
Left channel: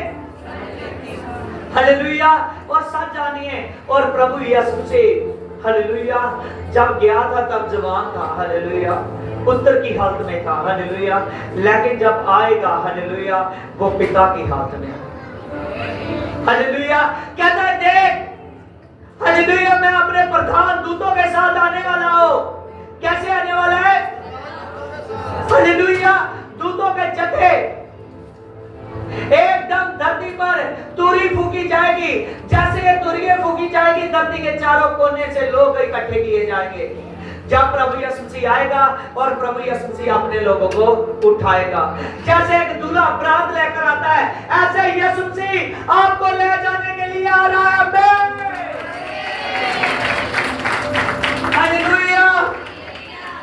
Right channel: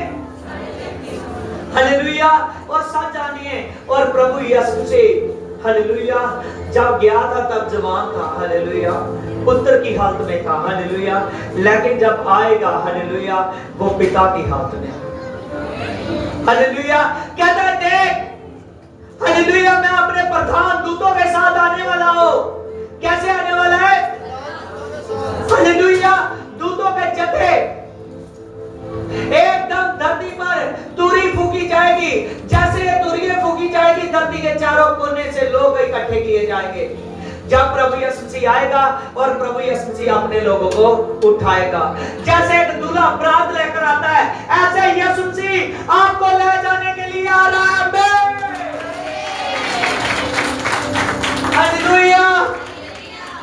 हालेलुया। और सच जानिए, और प्रभु यीशु से हालेलुया जब गया था तब जवान था, हालेलुया, पुत्र की हालत में था, हालेलुया, लेकिन जब आएगा हालेलुया वो पिता की हालत में, हालेलुया। कहता है देख हालेलुया मैं अपने प्रधान दूतों के साथ आने वाला हूं। कैसे आने वाला है? हालेलुया, दूतों के जत्थे, एकदम धरती पर तुरी फूकी जाएगी, जैसे तुरियां फूकी जाएगी धरती के चारों कोने से लोग इकट्ठे किए जाएंगे जब प्रभु यीशु मसीह आएगा, और प्रभु यीशु मसीह अपने लोगों को उठाएगा। जैसे एक दूल्हा बारात लेकर आता है, ऐसे यीशु मसीह आपको ले जाने के लिए आ रहा है। हालेलुया।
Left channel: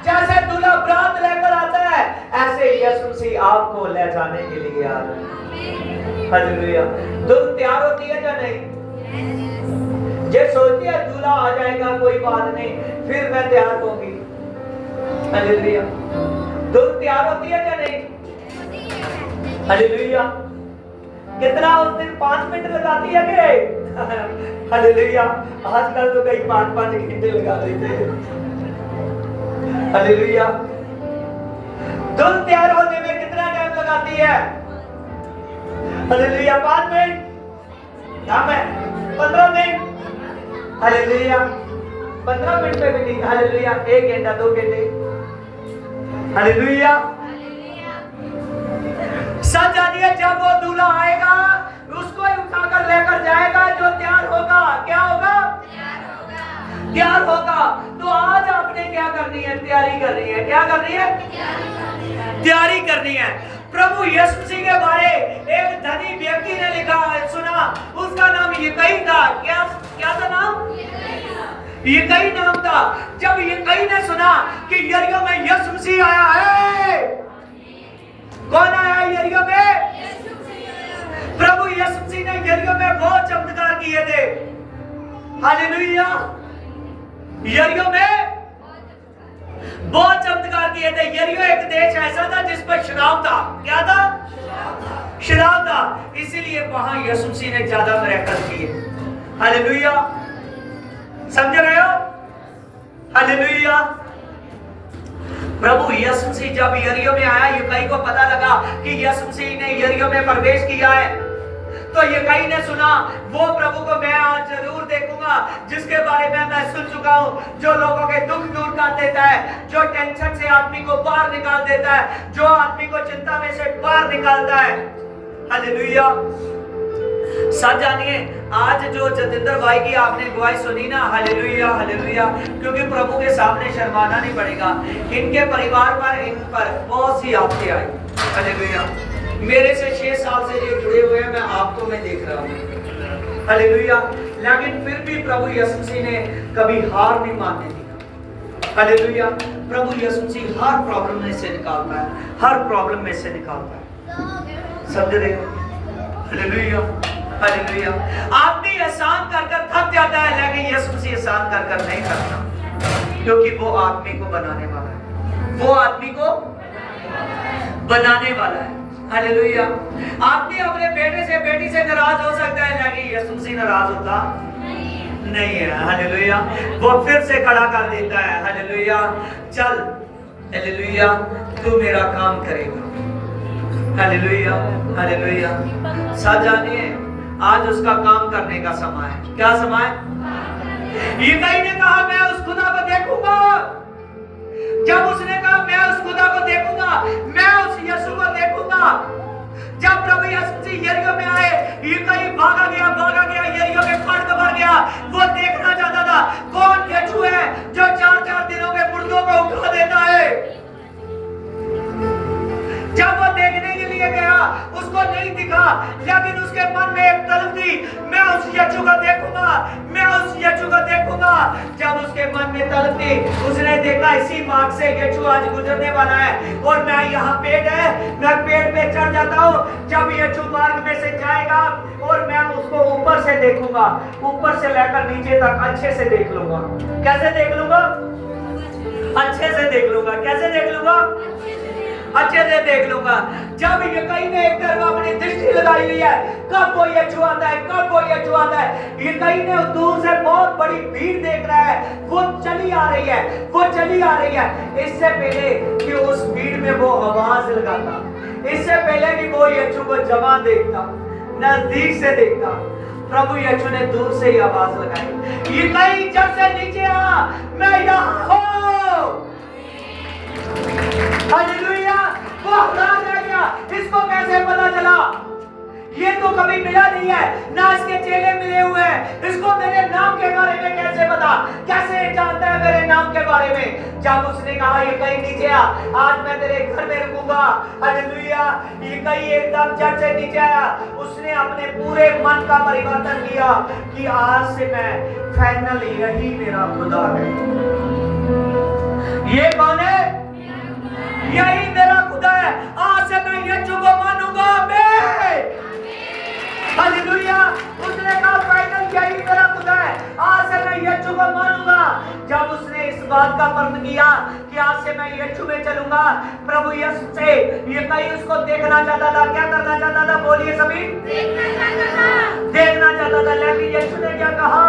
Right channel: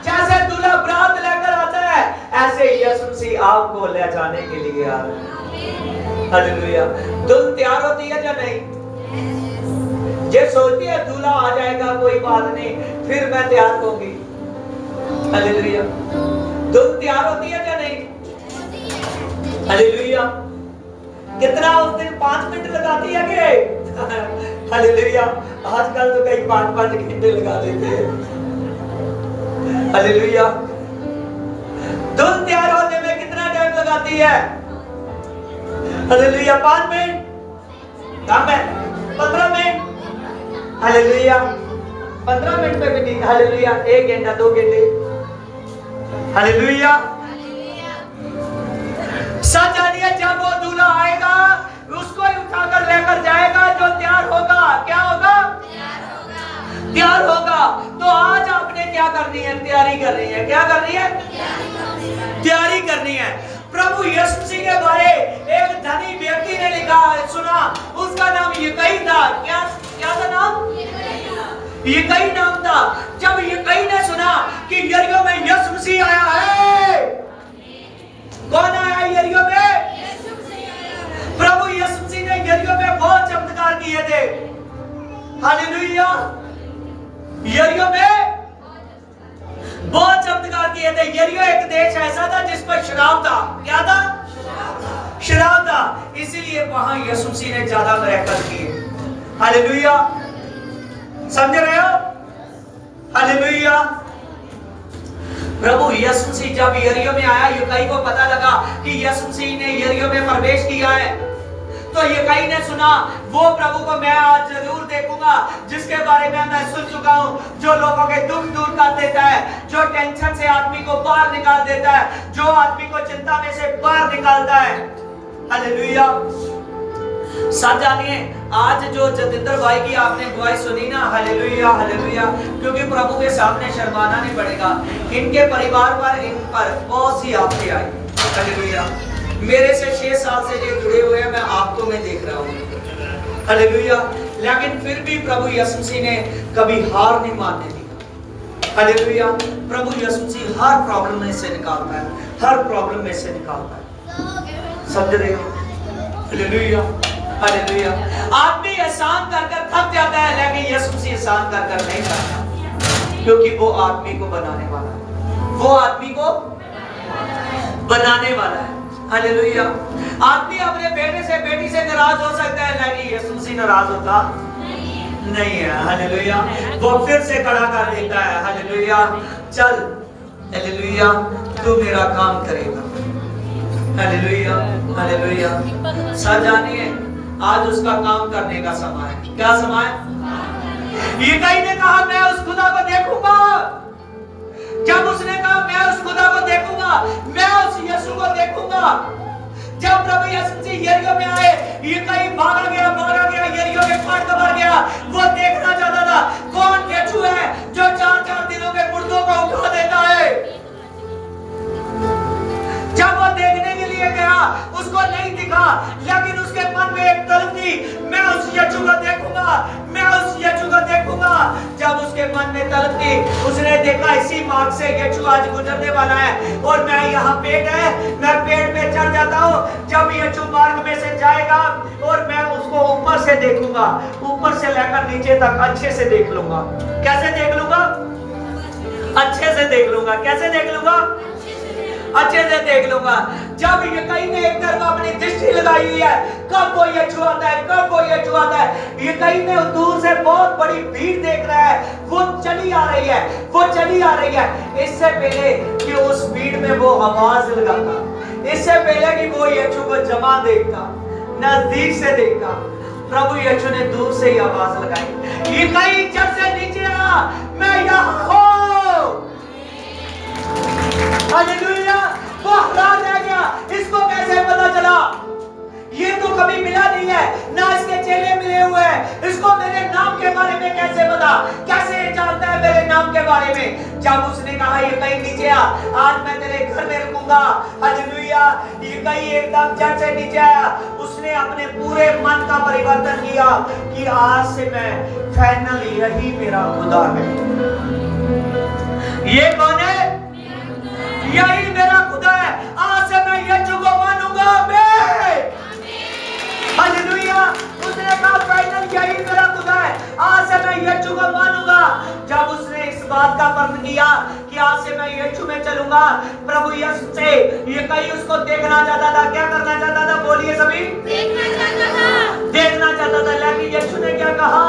जैसे दूल्हा बारात लेकर आता है, ऐसे यीशु मसीह आपको ले जाने के लिए आ रहा है। हालेलुया। दुल्हन तैयार होती है या नहीं? जे सोचती है दूल्हा आ जाएगा कोई बात नहीं फिर मैं तैयार होंगी, हालेलुया, दुल्हन तैयार होती है या नहीं? हालेलुया। कितना उस दिन 5 मिनट लगाती है कि हालेलुया, आजकल तो कई 5-5 घंटे लगा देते हैं। हालेलुया। दुल्हन तैयार होने में कितना टाइम लगाती है? Hallelujah. 5 minute, 15 minute, hallelujah, 15 minute में भी नहीं, हालेलुया, 1 घंटा 2 घंटे, हालेलुया। सच जानिए जब वो दूल्हा आएगा उसको ही उठाकर लेकर जाएगा जो तैयार होगा। क्या होगा? तैयार होगा। तो आज आपने क्या करनी है? तैयारी करनी है। क्या करनी है? तैयारी करनी है। प्रभु यीशु मसीह के बारे एक धनी व्यक्ति ने लिखा सुना, उसका नाम यकई था। क्या था नाम? यकई नाम था। जब यकई ने सुना कि यरीहो में यीशु मसीह आया है, कौन आया है यरीहो में? प्रभु यीशु मसीह ने यरीहो में बहुत चमत्कार किए थे, हालेलुया। यरीहो में बहुत चमत्कार किए थे। यरीहो एक देश ऐसा था जिस पर शराब था। क्या था? शराब था, इसीलिए वहां यीशु मसीह ने ज्यादा मिरेकल किए, हालेलुया। समझ रहे हो? हालेलुया। प्रभु यीशु मसीह जब यरीहो में आया, यकई को पता लगा कि यीशु मसीह ने यरीहो में प्रवेश किया है, तो यकई ने सुना वो प्रभु को मैं आज जरूर देखूंगा जिसके बारे में मैं सुन चुका हूं, जो लोगों के दुख दूर कर देता है, जो टेंशन से आदमी को बाहर निकाल देता है, जो आदमी को चिंता में से बाहर निकालता है, हालेलुया। सच जानिए आज जो जतिंदर भाई की आपने गवाही सुनी ना, हालेलुया, हालेलुया, क्योंकि प्रभु के सामने शर्माना नहीं पड़ेगा। इनके परिवार पर, इन पर बहुत सी आपत्ति आई, हालेलुया। मेरे से 6 साल से ये जुड़े हुए हैं, मैं आपको मैं देख रहा हूँ, हालेलुया। लेकिन फिर भी प्रभु यीशु मसीह ने कभी हार नहीं मानने दिया, हालेलुया। प्रभु यीशु मसीह हर प्रॉब्लम में से निकालता है, हर प्रॉब्लम में से निकालता है। समझ रहे हो? Hallelujah, hallelujah. आदमी एहसान कर कर थक जाता है, लेकिन यीशु मसीह एहसान कर कर नहीं करता, क्योंकि वो आदमी को बनाने वाला है, वो आदमी को बनाने वाला है, हालेलुया। आदमी अपने बेटे से बेटी से नाराज हो सकता है, लेकिन यीशु मसीह नाराज होता नहीं है, हालेलुया। वो फिर से खड़ा कर देता है, हालेलुया। चल हालेलुया, तू मेरा काम करेगा, हालेलुया, हालेलुया। सच जानिए आज उसका काम करने का समय है। क्या समय? यकई ने कहा मैं उस खुदा को देखूंगा। जब उसने कहा मैं उस खुदा को देखूंगा, मैं उस यीशु को देखूंगा, जब प्रभु यीशु मसीह यरीहो में आए, यकई भागा गया, यरीहो के फाटक भर गया। वो देखना चाहता था कौन यीशु है जो 4-4 दिनों के मुर्दों को उठा देता है। जब वो देखने के लिए गया उसको नहीं दिखा, लेकिन उसके मन में एक तलब थी, मैं उस यीशु को देखूंगा, मैं उस यीशु को देखूंगा। जब उसके मन में तलब थी, उसने देखा इसी मार्ग से यीशु आज गुजरने वाला है और मैं यहाँ पेड़ है, मैं पेड़ पे चढ़ जाता हूँ। जब यीशु मार्ग में से जाएगा और मैं उसको ऊपर से देखूंगा, ऊपर से लेकर नीचे तक अच्छे से देख लूंगा। कैसे देख लूंगा? अच्छे से देख लूंगा। कैसे देख लूंगा? अच्छे से देख लूंगा। जब यकई ने एक तरफ अपनी दृष्टि लगाई लगाई हुई है, कब वो यीशु आता है, कब वो यीशु आता है। ये कहीं ने दूर से बहुत बड़ी भीड़ देख रहा है, वो चली आ रही है, वो चली आ रही है। इससे पहले कि उस भीड़ में वो आवाज लगाता, इससे पहले कि वो यीशु को जमा देखता, नजदीक से देखता, प्रभु यीशु ने दूर से ही आवाज लगाई, ये कहीं जड़ से नीचे आ, मैं यहाँ हूँ। हालेलुया। वो हैरान रह गया, इसको कैसे पता चला, ये तो कभी मिला नहीं है, ना इसके चेले मिले हुए हैं, इसको मेरे नाम के बारे में कैसे पता, कैसे जानता है मेरे नाम के बारे में। जब उसने कहा ये कहीं नीचे आ, आज मैं तेरे घर में रुकूंगा, हालेलुया, ये कहीं एकदम जड़ से नीचे आया, उसने अपने पूरे मन का परिवर्तन किया कि आज से मैं फाइनली यही मेरा खुदा है। ये कौन है? यही मेरा खुदा है, आज से मैं यीशु को मानूंगा। हालेलुया। उसने कहा फाइनल यही मेरा खुदा है, आज से मैं यीशु को मानूंगा। जब उसने इस बात का प्रण किया कि आज से मैं यीशु में चलूंगा, प्रभु यीशु से ये कहीं उसको देखना चाहता था। क्या करना चाहता था? बोलिए सभी। देखना चाहता था। लेकिन यीशु ने क्या कहा?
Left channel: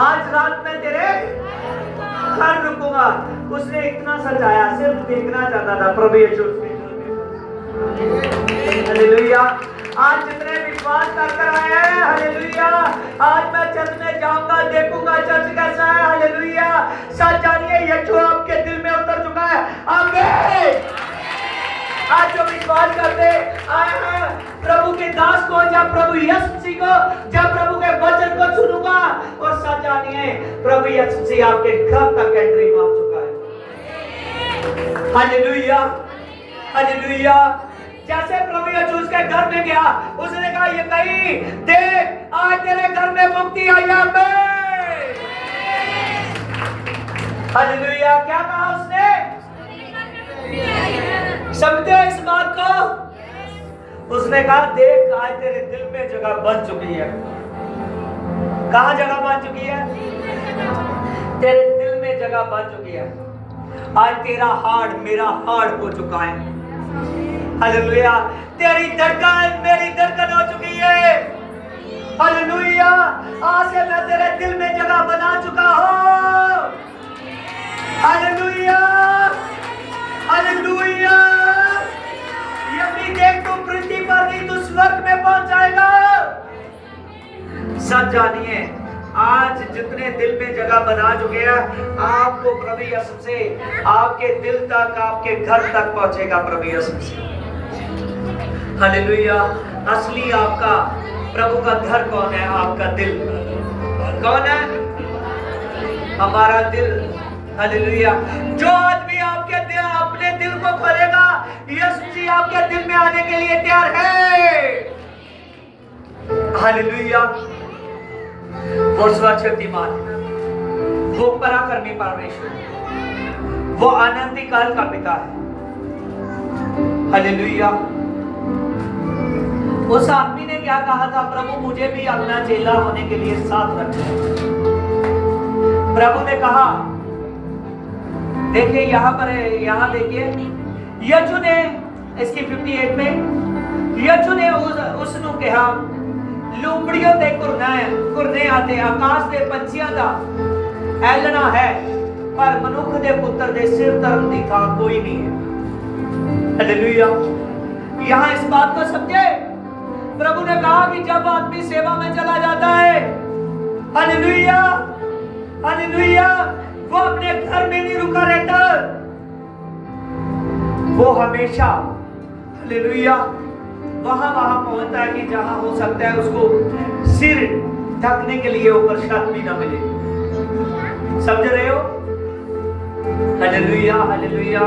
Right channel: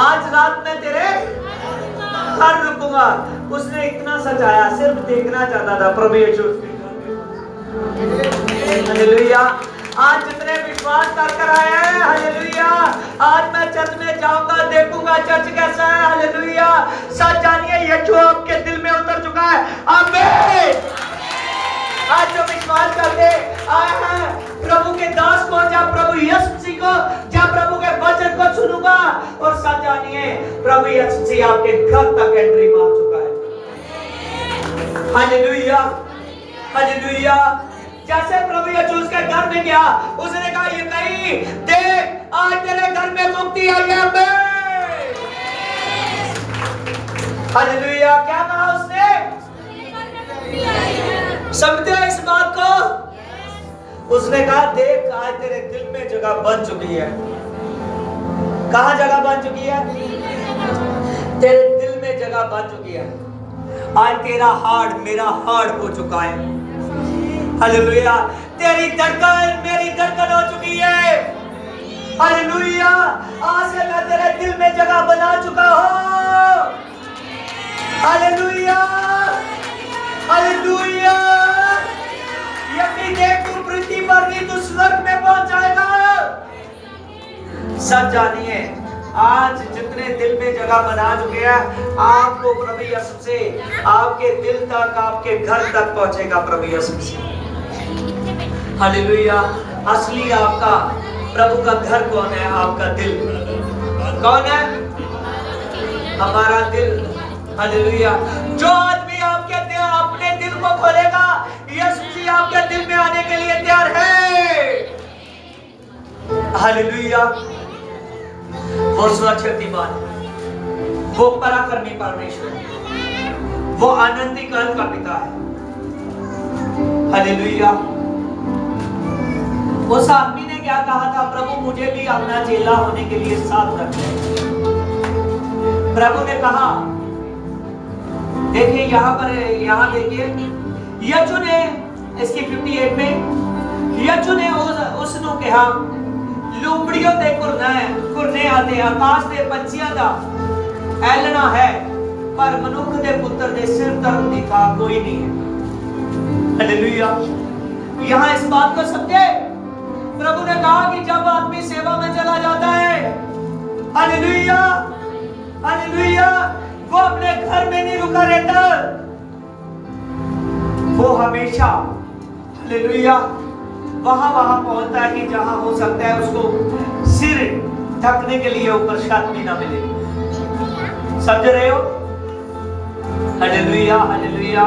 आज रात में तेरे घर रुकूंगा। उसने इतना सजाया, सिर्फ देखना चाहता था प्रभु यीशु। हालेलुया। आज जितने विश्वास कर आए हैं, हालेलुया, आज मैं चर्च में जाऊंगा, देखूंगा चर्च कैसा है। हालेलुया। सच जानिए यीशु आपके दिल में उतर चुका है। आमीन। आज जो विश्वास करते आए हैं प्रभु के दास को, जब प्रभु यीशु मसीह को, जब प्रभु के वचन को सुनूंगा, और सच जानिए प्रभु यीशु मसीह आपके घर तक एंट्री मार चुका है। हालेलुया। हालेलुया। जैसे प्रभु यीशु उसके घर में गया, उसने कहा ये कहीं देख, आज तेरे घर में मुक्ति आई है। हालेलुया। क्या कहा उसने? समझते इस बात को? उसने कहा देख, आज तेरे दिल में जगह बन चुकी है। कहां जगह बन चुकी है? तेरे दिल में जगह बन चुकी है। आज तेरा हार्ट मेरा हार्ट हो चुका है। हालेलुया। तेरी धड़कन मेरी धड़कन हो चुकी है। हालेलुया। आज से मैं तेरे दिल में जगह बना चुका हूं। हालेलुया। हालेलुया। यदि देख तू पृथ्वी पर नहीं, तू स्वर्ग में पहुंच जाएगा। सब जानिए आज जितने दिल में जगह बना चुके हैं, आपको प्रभु यीशु से आपके दिल तक, आपके घर तक पहुंचेगा प्रभु यीशु से। हालेलुया। असली आपका प्रभु का घर कौन है? आपका दिल कौन है? हमारा दिल। हालेलुया। जो आदमी आपके दिल, अपने दिल को खोलेगा, यीशु जी आपके दिल में आने के लिए तैयार है। हालेलुया। वो सर्वशक्तिमान, वो पराक्रमी परमेश्वर, वो अनंत काल का पिता है। हालेलुया। उस आदमी ने क्या कहा था? प्रभु मुझे भी अपना चेला होने के लिए साथ रखना। प्रभु ने कहा, देखिए यहाँ पर, यहाँ देखिए, यीशु ने इसकी 58 में यीशु ने उसनु कहा, लुंबड़ियों दे कुरने आते, आकाश दे पंछियां दा ऐलना है, पर मनुख दे पुत्र दे सिर धरन दी था कोई नहीं है। हालेलुया। यहाँ इस बात को समझे। प्रभु ने कहा कि जब आदमी सेवा में चला जाता है, हालेलुया, हालेलुया, वो अपने घर में नहीं रुका रहता, वो हमेशा, हालेलुया, वहां पहुंचता है कि जहां हो सकता है उसको सिर ढकने के लिए ऊपर छत भी ना मिले। समझ रहे हो? हालेलुया। हालेलुया।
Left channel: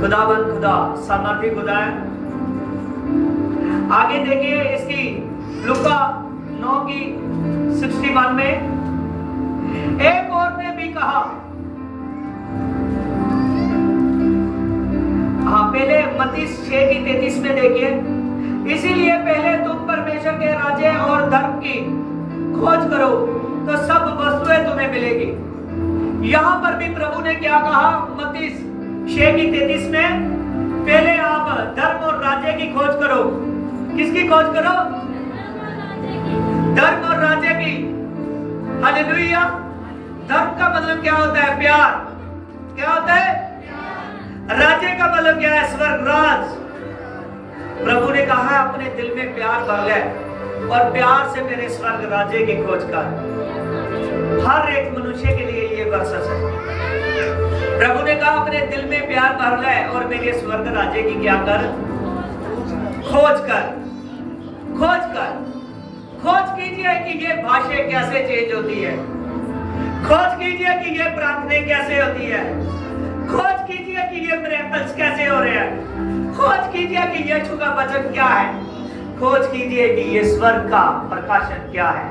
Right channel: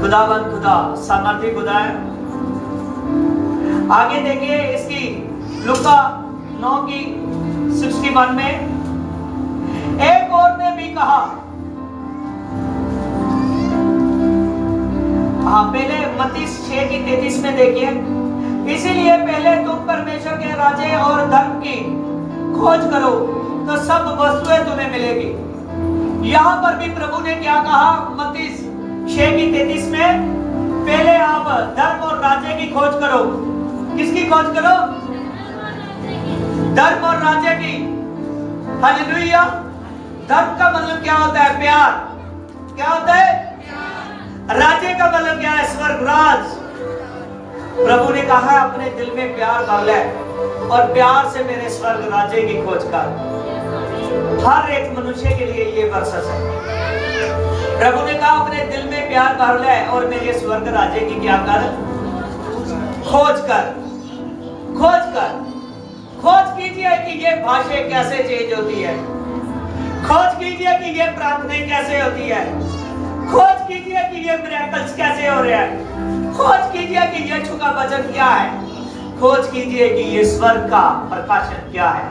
खुदावन खुदा, सामर्थी खुदा है। आगे देखिए इसकी लुका 9 की 61 में, एक और ने भी कहा, हाँ पहले मत्ती 6 की 33 में देखिए, इसीलिए पहले तुम परमेश्वर के राज्य और धर्म की खोज करो तो सब वस्तुएं तुम्हें मिलेगी। यहां पर भी प्रभु ने क्या कहा? मत्ती 6 की 33 में, पहले धर्म और राज्य की खोज करो। किसकी खोज करो? धर्म और राज्य की। हालेलुया। धर्म का मतलब क्या होता है? प्यार। क्या होता है? राज्य का मतलब क्या है? स्वर्ग राज। प्रभु ने कहा अपने दिल में प्यार भर ले और प्यार से मेरे स्वर्ग राज्य की खोज कर। हर एक मनुष्य के लिए ये वर्षस है। प्रभु ने कहा अपने दिल में प्यार भर ले और मेरे स्वर्ग राज्य की क्या कर? खोज कर। खोज कर। खोज कीजिए कि ये भाषा कैसे चेंज होती है। खोज कीजिए कि ये प्रार्थनाएं कैसे होती है। खोज कीजिए कि ये मिरेकल्स कैसे हो रहे हैं। खोज कीजिए कि ये छुका वचन क्या है। खोज कीजिए कि ये स्वर्ग का प्रकाशन क्या है।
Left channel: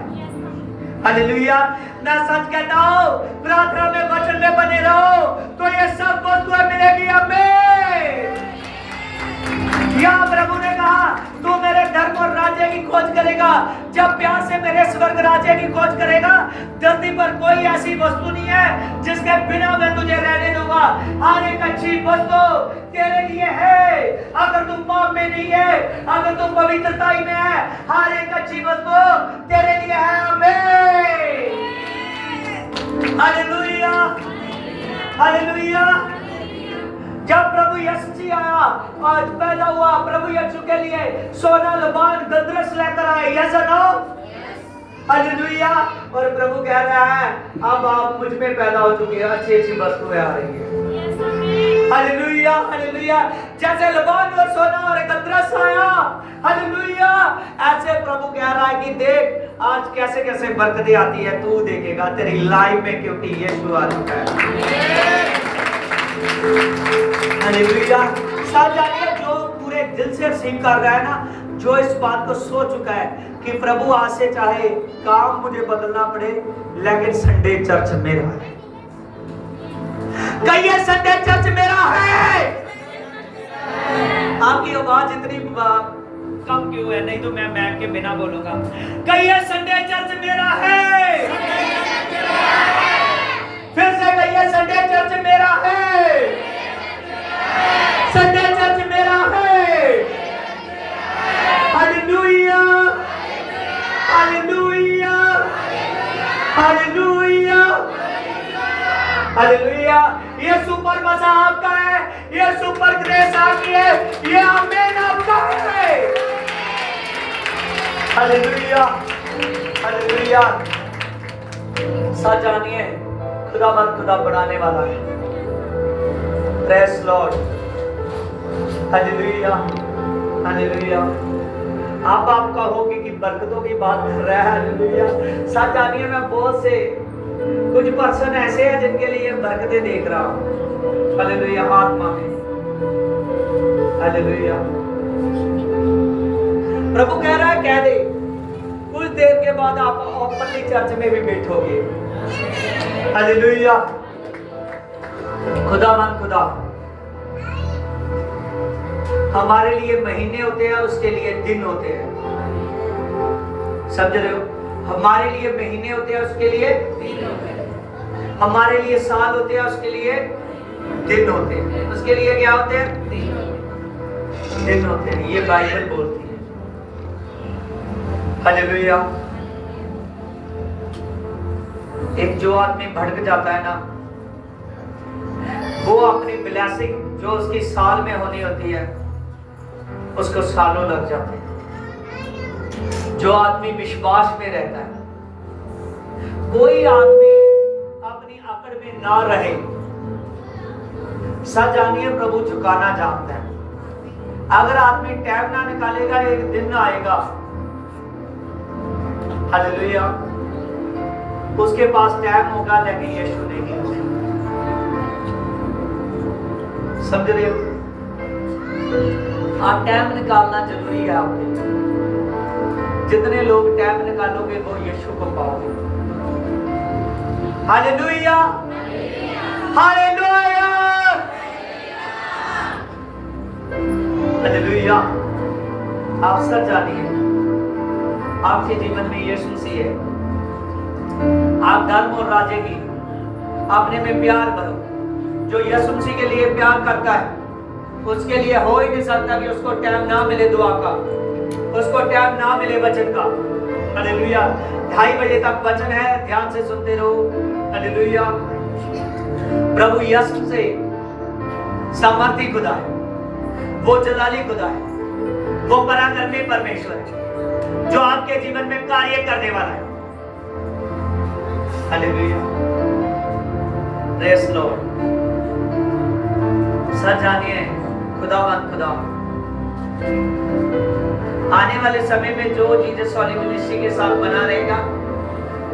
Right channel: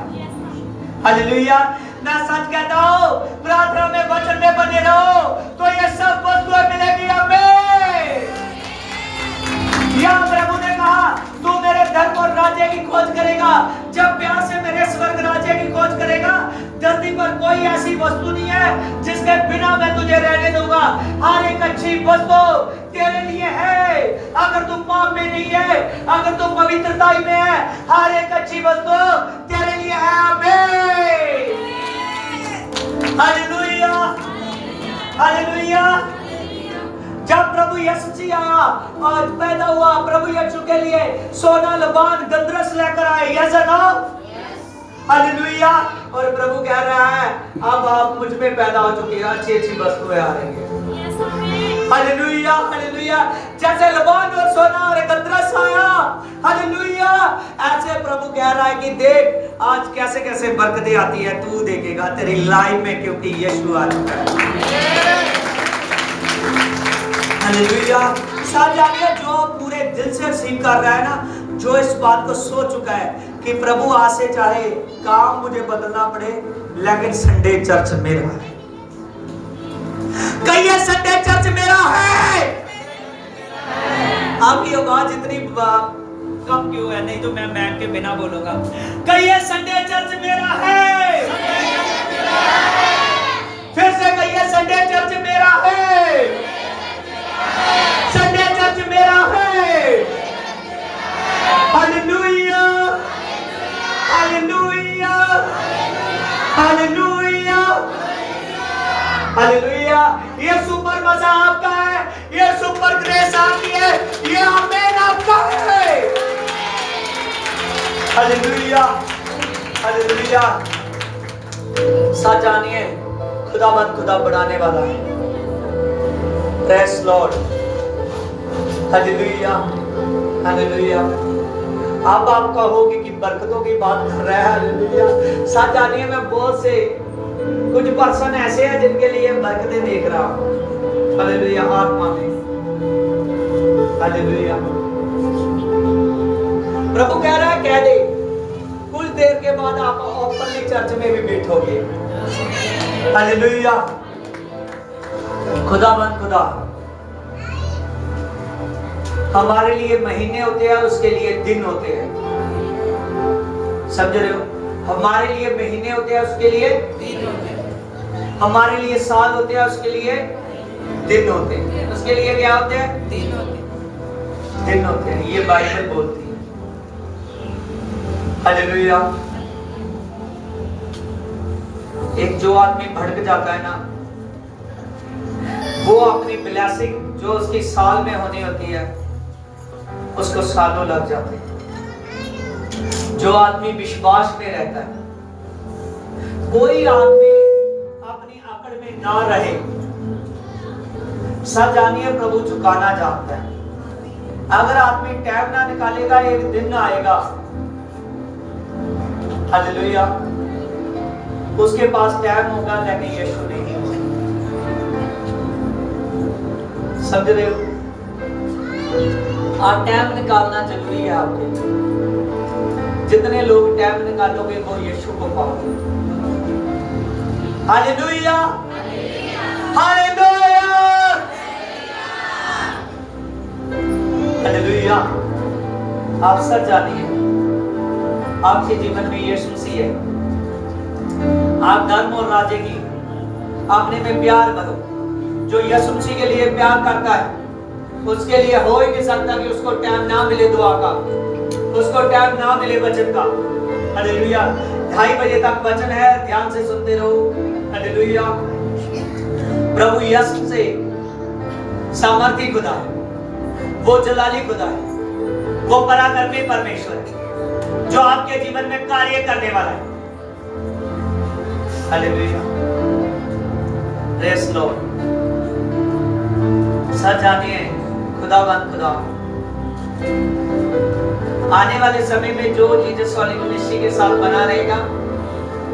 हालेलुया। मैं सच कहता हूं, प्रार्थना में वचन में बने रहो तो ये सब वस्तुएं मिलेगी हमें। यह प्रभु ने कहा तू मेरे धर्म और राज्य की खोज करेगा। जब प्यार से मेरे स्वर्ग राज्य की खोज करेगा, धरती पर कोई ऐसी वस्तु नहीं है जिसके बिना मैं तुझे रहने दूंगा। हर एक अच्छी वस्तु तेरे लिए है। अगर तू पाप में नहीं है, अगर तू पवित्रता में है, हर एक अच्छी वस्तु तेरे लिए है। आमीन। हालेलुया। हालेलुया। जब प्रभु यीशु जी आया और पैदा हुआ, प्रभु यीशु के लिए सोना, लबान, गंधरस लेकर आए। यस और नो? हालेलुया। और प्रभु कह रहा है अब आप मुझ में पैदा हो चुकी है, अच्छी अच्छी वस्तुएं आ रही है। हालेलुया। हालेलुया। जैसे लबान और सोना और गंधरस आया, हालेलुया, ऐसे प्रभु कह रहा है कि देख आज कैसे कैसे बरकतें आती है, तू देखेगा तेरी लाइफ में, क्योंकि यीशु आ चुका है। हालेलुया। जानिए जो पूरे दिल से रिसीव कर रहा है ना, जो इस बात को सोच चुका है कि प्रभु आज से चाहे काम मुझे बदलना पड़े लेकिन संडे चर्च मेरा है। कहिए संडे चर्च मेरा है। आपकी आवाज इतनी कम क्यों है? नहीं तो मैं मैक के बिना बोलूंगा। कहिए संडे चर्च मेरा है। फिर से कहिए संडे चर्च मेरा है। संडे चर्च मेरा है। हालेलुया। हालेलुया। हालेलुया। हालेलुया। ये सुपर मजा आपका है, ये सुपर ग्रेस आपकी है, ये आमीन आपका है। हालेलुया। हालेलुया। सच जानिए खुदावंद खुदा बनाने वाला है। Praise Lord. हालेलुया। हालेलुया। अब आप कहोगे कि बरकतों की बात कर रहा है। हालेलुया। सच जानिए मैं बहुत से कुछ पर्सन ऐसे हैं जिनके लिए बरकतें देख रहा हूं। हालेलुया। आत्मा में। हालेलुया। प्रभु कह रहा है कह दे, कुछ देर के बाद आप ओपनली चर्च में भी बैठोगे। हालेलुया। खुदावन खुदा हमारे लिए महीने होते हैं, उसके लिए दिन होते हैं। समझ रहे हो? हमारे लिए महीने होते हैं, उसके लिए दिन होते हैं। हमारे लिए साल होते हैं, उसके लिए दिन होते हैं। उसके लिए क्या होते हैं? दिन होते हैं। ये बाइबल बोलती है। हालेलुया। एक जो आदमी भटक जाता है ना, वो अपनी ब्लेसिंग जो उसकी साल में होनी होती है उसको सालों लग जाते हैं। जो आदमी विश्वास में रहता है, कोई आदमी अपनी अकड़ में ना रहे। सच जानिए प्रभु झुकाना जानता है। अगर आदमी टाइम ना निकालेगा, एक दिन आएगा, हालेलुया, उसके पास टाइम होगा लेकिन यीशु नहीं होगा। समझ रहे हो? आप टाइम निकालना जरूरी है आपके लिए। जितने लोग टाइम निकालोगे वो यीशु को पाओगे। हालेलुया। हालेलुया। हालेलुया। आप सच जानिए आपके जीवन में यीशु मसीह है। आप धर्म और राज्य की अपने में प्यार करो। जो यीशु मसीह के लिए प्यार करता है उसके लिए हो ही नहीं सकता कि उसको टाइम ना मिले दुआ का, उसको टाइम ना मिले वचन का। हालेलुया। 2:30 बजे तक वचन है, ध्यान से सुनते रहो। हालेलुया। प्रभु यीशु से सामर्थी खुदा है, वो जलाली खुदा है, वो पराक्रमी परमेश्वर है जो आपके जीवन में कार्य करने वाला है। हालेलुया। Praise Lord. सच जानिए खुदावंद खुदा आने वाले समय में जो जीसस कॉलिंग मिनिस्ट्री के साथ बना रहेगा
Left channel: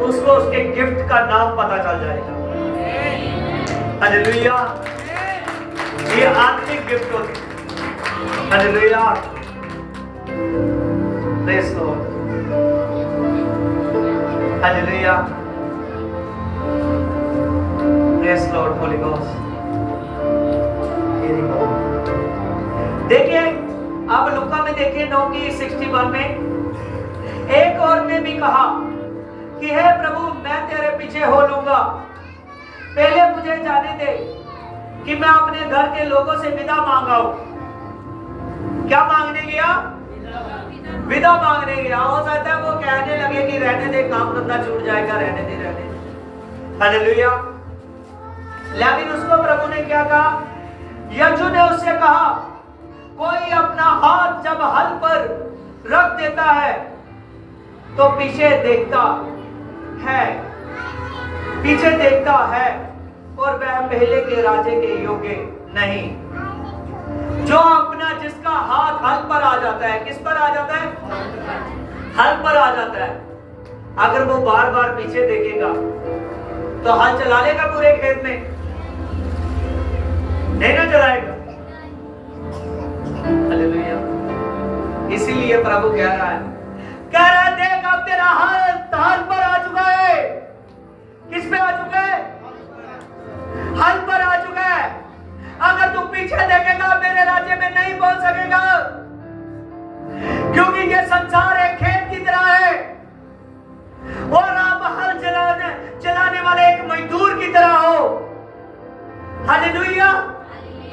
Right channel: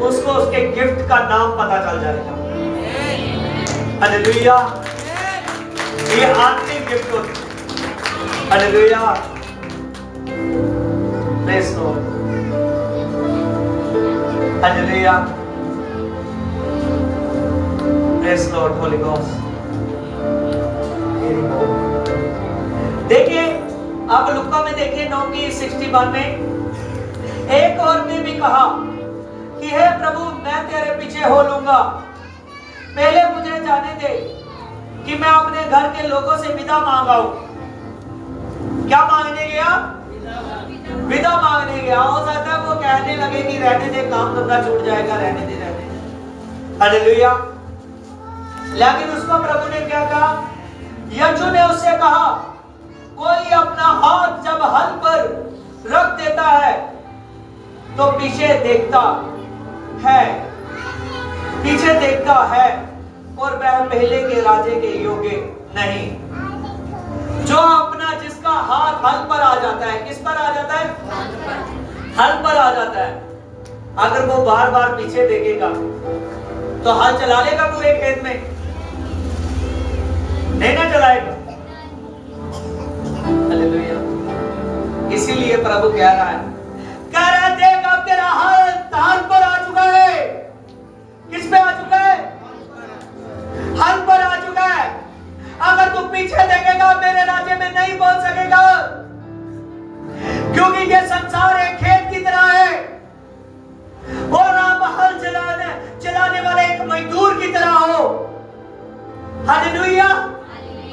उसको उसके गिफ्ट का नाम पता चल जाएगा। हालेलुया। ये आपके गिफ्ट होते हैं। Hallelujah. Praise Lord. Hallelujah. Praise Lord. Holi ghost. देखिए अब लुका में देखिए 9:61 में एक और ने भी कहा कि हे प्रभु मैं तेरे पीछे हो लूंगा, पहले मुझे जाने दे कि मैं अपने घर के लोगों से विदा मांगाऊं। क्या मांगने गया? विदा मांगने गया। हो सकता है वो कहने लगे कि रहने दे, काम धंधा छूट जाएगा, रहने दे रहने दे। हालेलुया। लेकिन उसको प्रभु ने क्या कहा? यीशु ने उससे कहा कोई अपना हाथ जब हल पर रख देता है तो पीछे देखता है, पीछे देखता है और वह पहले के राजे के योग्य नहीं। जो अपना जिसका हाथ हल पर आ जाता है, किस पर आ जाता है? हल पर आ जाता है। अगर वो बार बार पीछे देखेगा तो हल चला लेगा पूरे खेत में? नहीं ना चलाएगा। हालेलुया। इसीलिए प्रभु कह रहा है देख अब तेरा हल पर आ चुका है। किस पे आ चुका है? हल पर आ चुका है। अगर तू पीछे देखेगा मेरे राज्य में नहीं पहुंच सकेगा, क्योंकि ये संसार एक खेत की तरह है और आप हल चलाने वाले एक मजदूर की तरह हो। हालेलुया।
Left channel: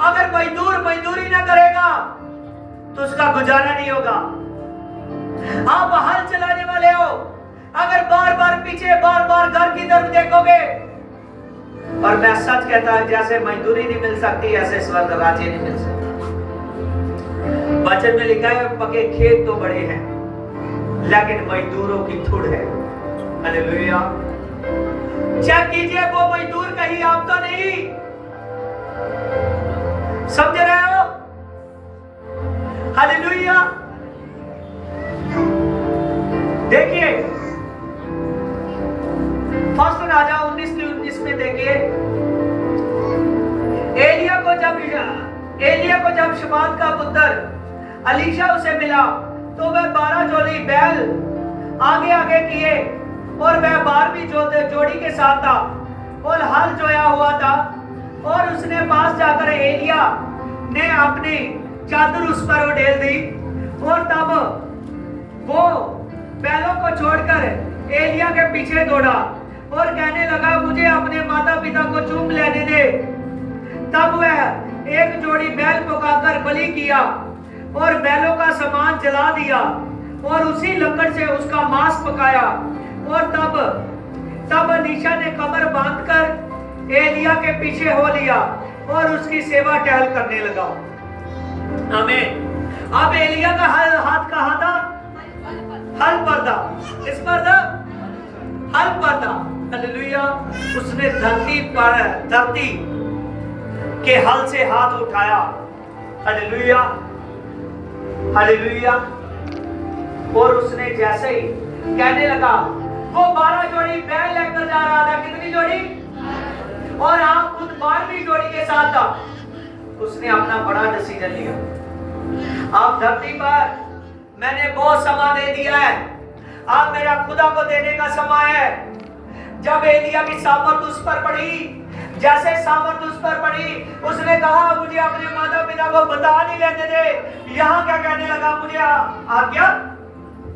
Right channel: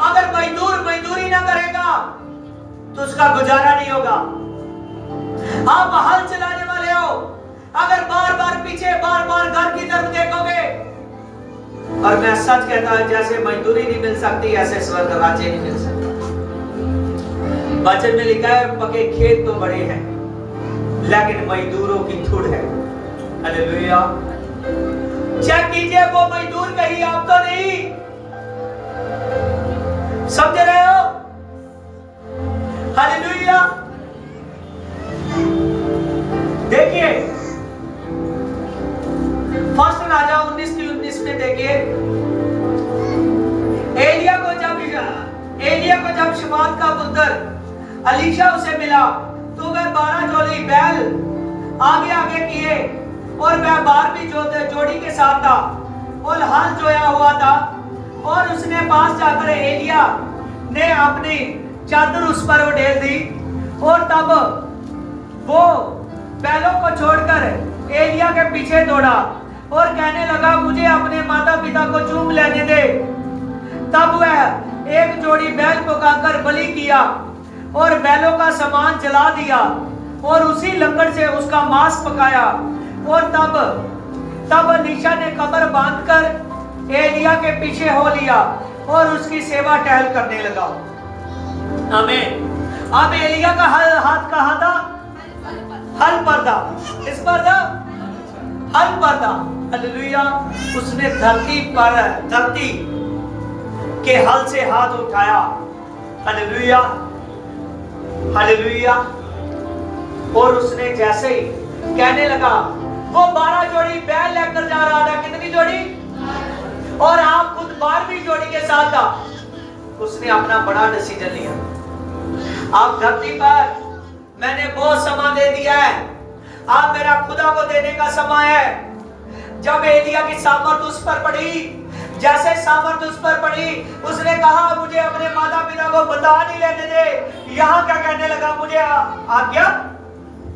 अगर मजदूर मजदूरी ना करेगा तो उसका गुजारा नहीं होगा। आप हल चलाने वाले हो, अगर बार बार पीछे बार बार घर की तरफ देखोगे, और मैं सच कहता हूं जैसे मजदूरी नहीं मिल सकती ऐसे स्वर्ग राज्य नहीं मिल सकता। वचन में लिखा है पके खेत तो बड़े हैं लेकिन मजदूरों की धूड़ है। हालेलुया। चेक कीजिए वो मजदूर कहीं आप तो नहीं। समझ रहे हो? हालेलुया। देखिए फर्स्ट राजा 19:19 में देखिए एलिया को जब शफात का पुत्र अलीशा उसे मिला तो वह 12 जोड़ी बैल आगे आगे किए और वह 12वीं जोड़ी के साथ था और हल जोया हुआ था। और उसने पास जाकर एलिया ने अपनी चादर उस पर उड़ेल दी और तब वो बैलों को छोड़कर एलिया के पीछे दौड़ा और कहने लगा मुझे अपने माता पिता को चूम लेने दे। तब वह एक जोड़ी बैल पकाकर बलि किया और बैलों का सामान जला दिया और उसी लकड़ से उसका मांस पकाया। और तब अलीशा ने कमर बांधकर एलिया के पीछे हो लिया और उसकी सेवा टहल करने लगा। आमीन। अब एलिया का हाथ कहां था? हल पर था। किस पर था? हल पर था। हालेलुया। उसने धरती के हल से हाथ उठाया। हालेलुया। हालेलुया। और उसने जैसे ही कहने लगा वो 12 जोड़ी बैल लेकर जा रहा था। कितनी जोड़ी? और आप खुद 12वीं जोड़ी के साथ था। उसने अपना बड़ा डिसीजन लिया। आप धरती पर मैंने बहुत समय दे दिया है, अब मेरा खुदा को देने का समय है। जब एलिया की सामर्थ उस पर पड़ी, जैसे सामर्थ उस पर पड़ी, उसने कहा मुझे अपने माता पिता को बता नहीं लेने दे। यहाँ क्या कहने लगा? मुझे आज्ञा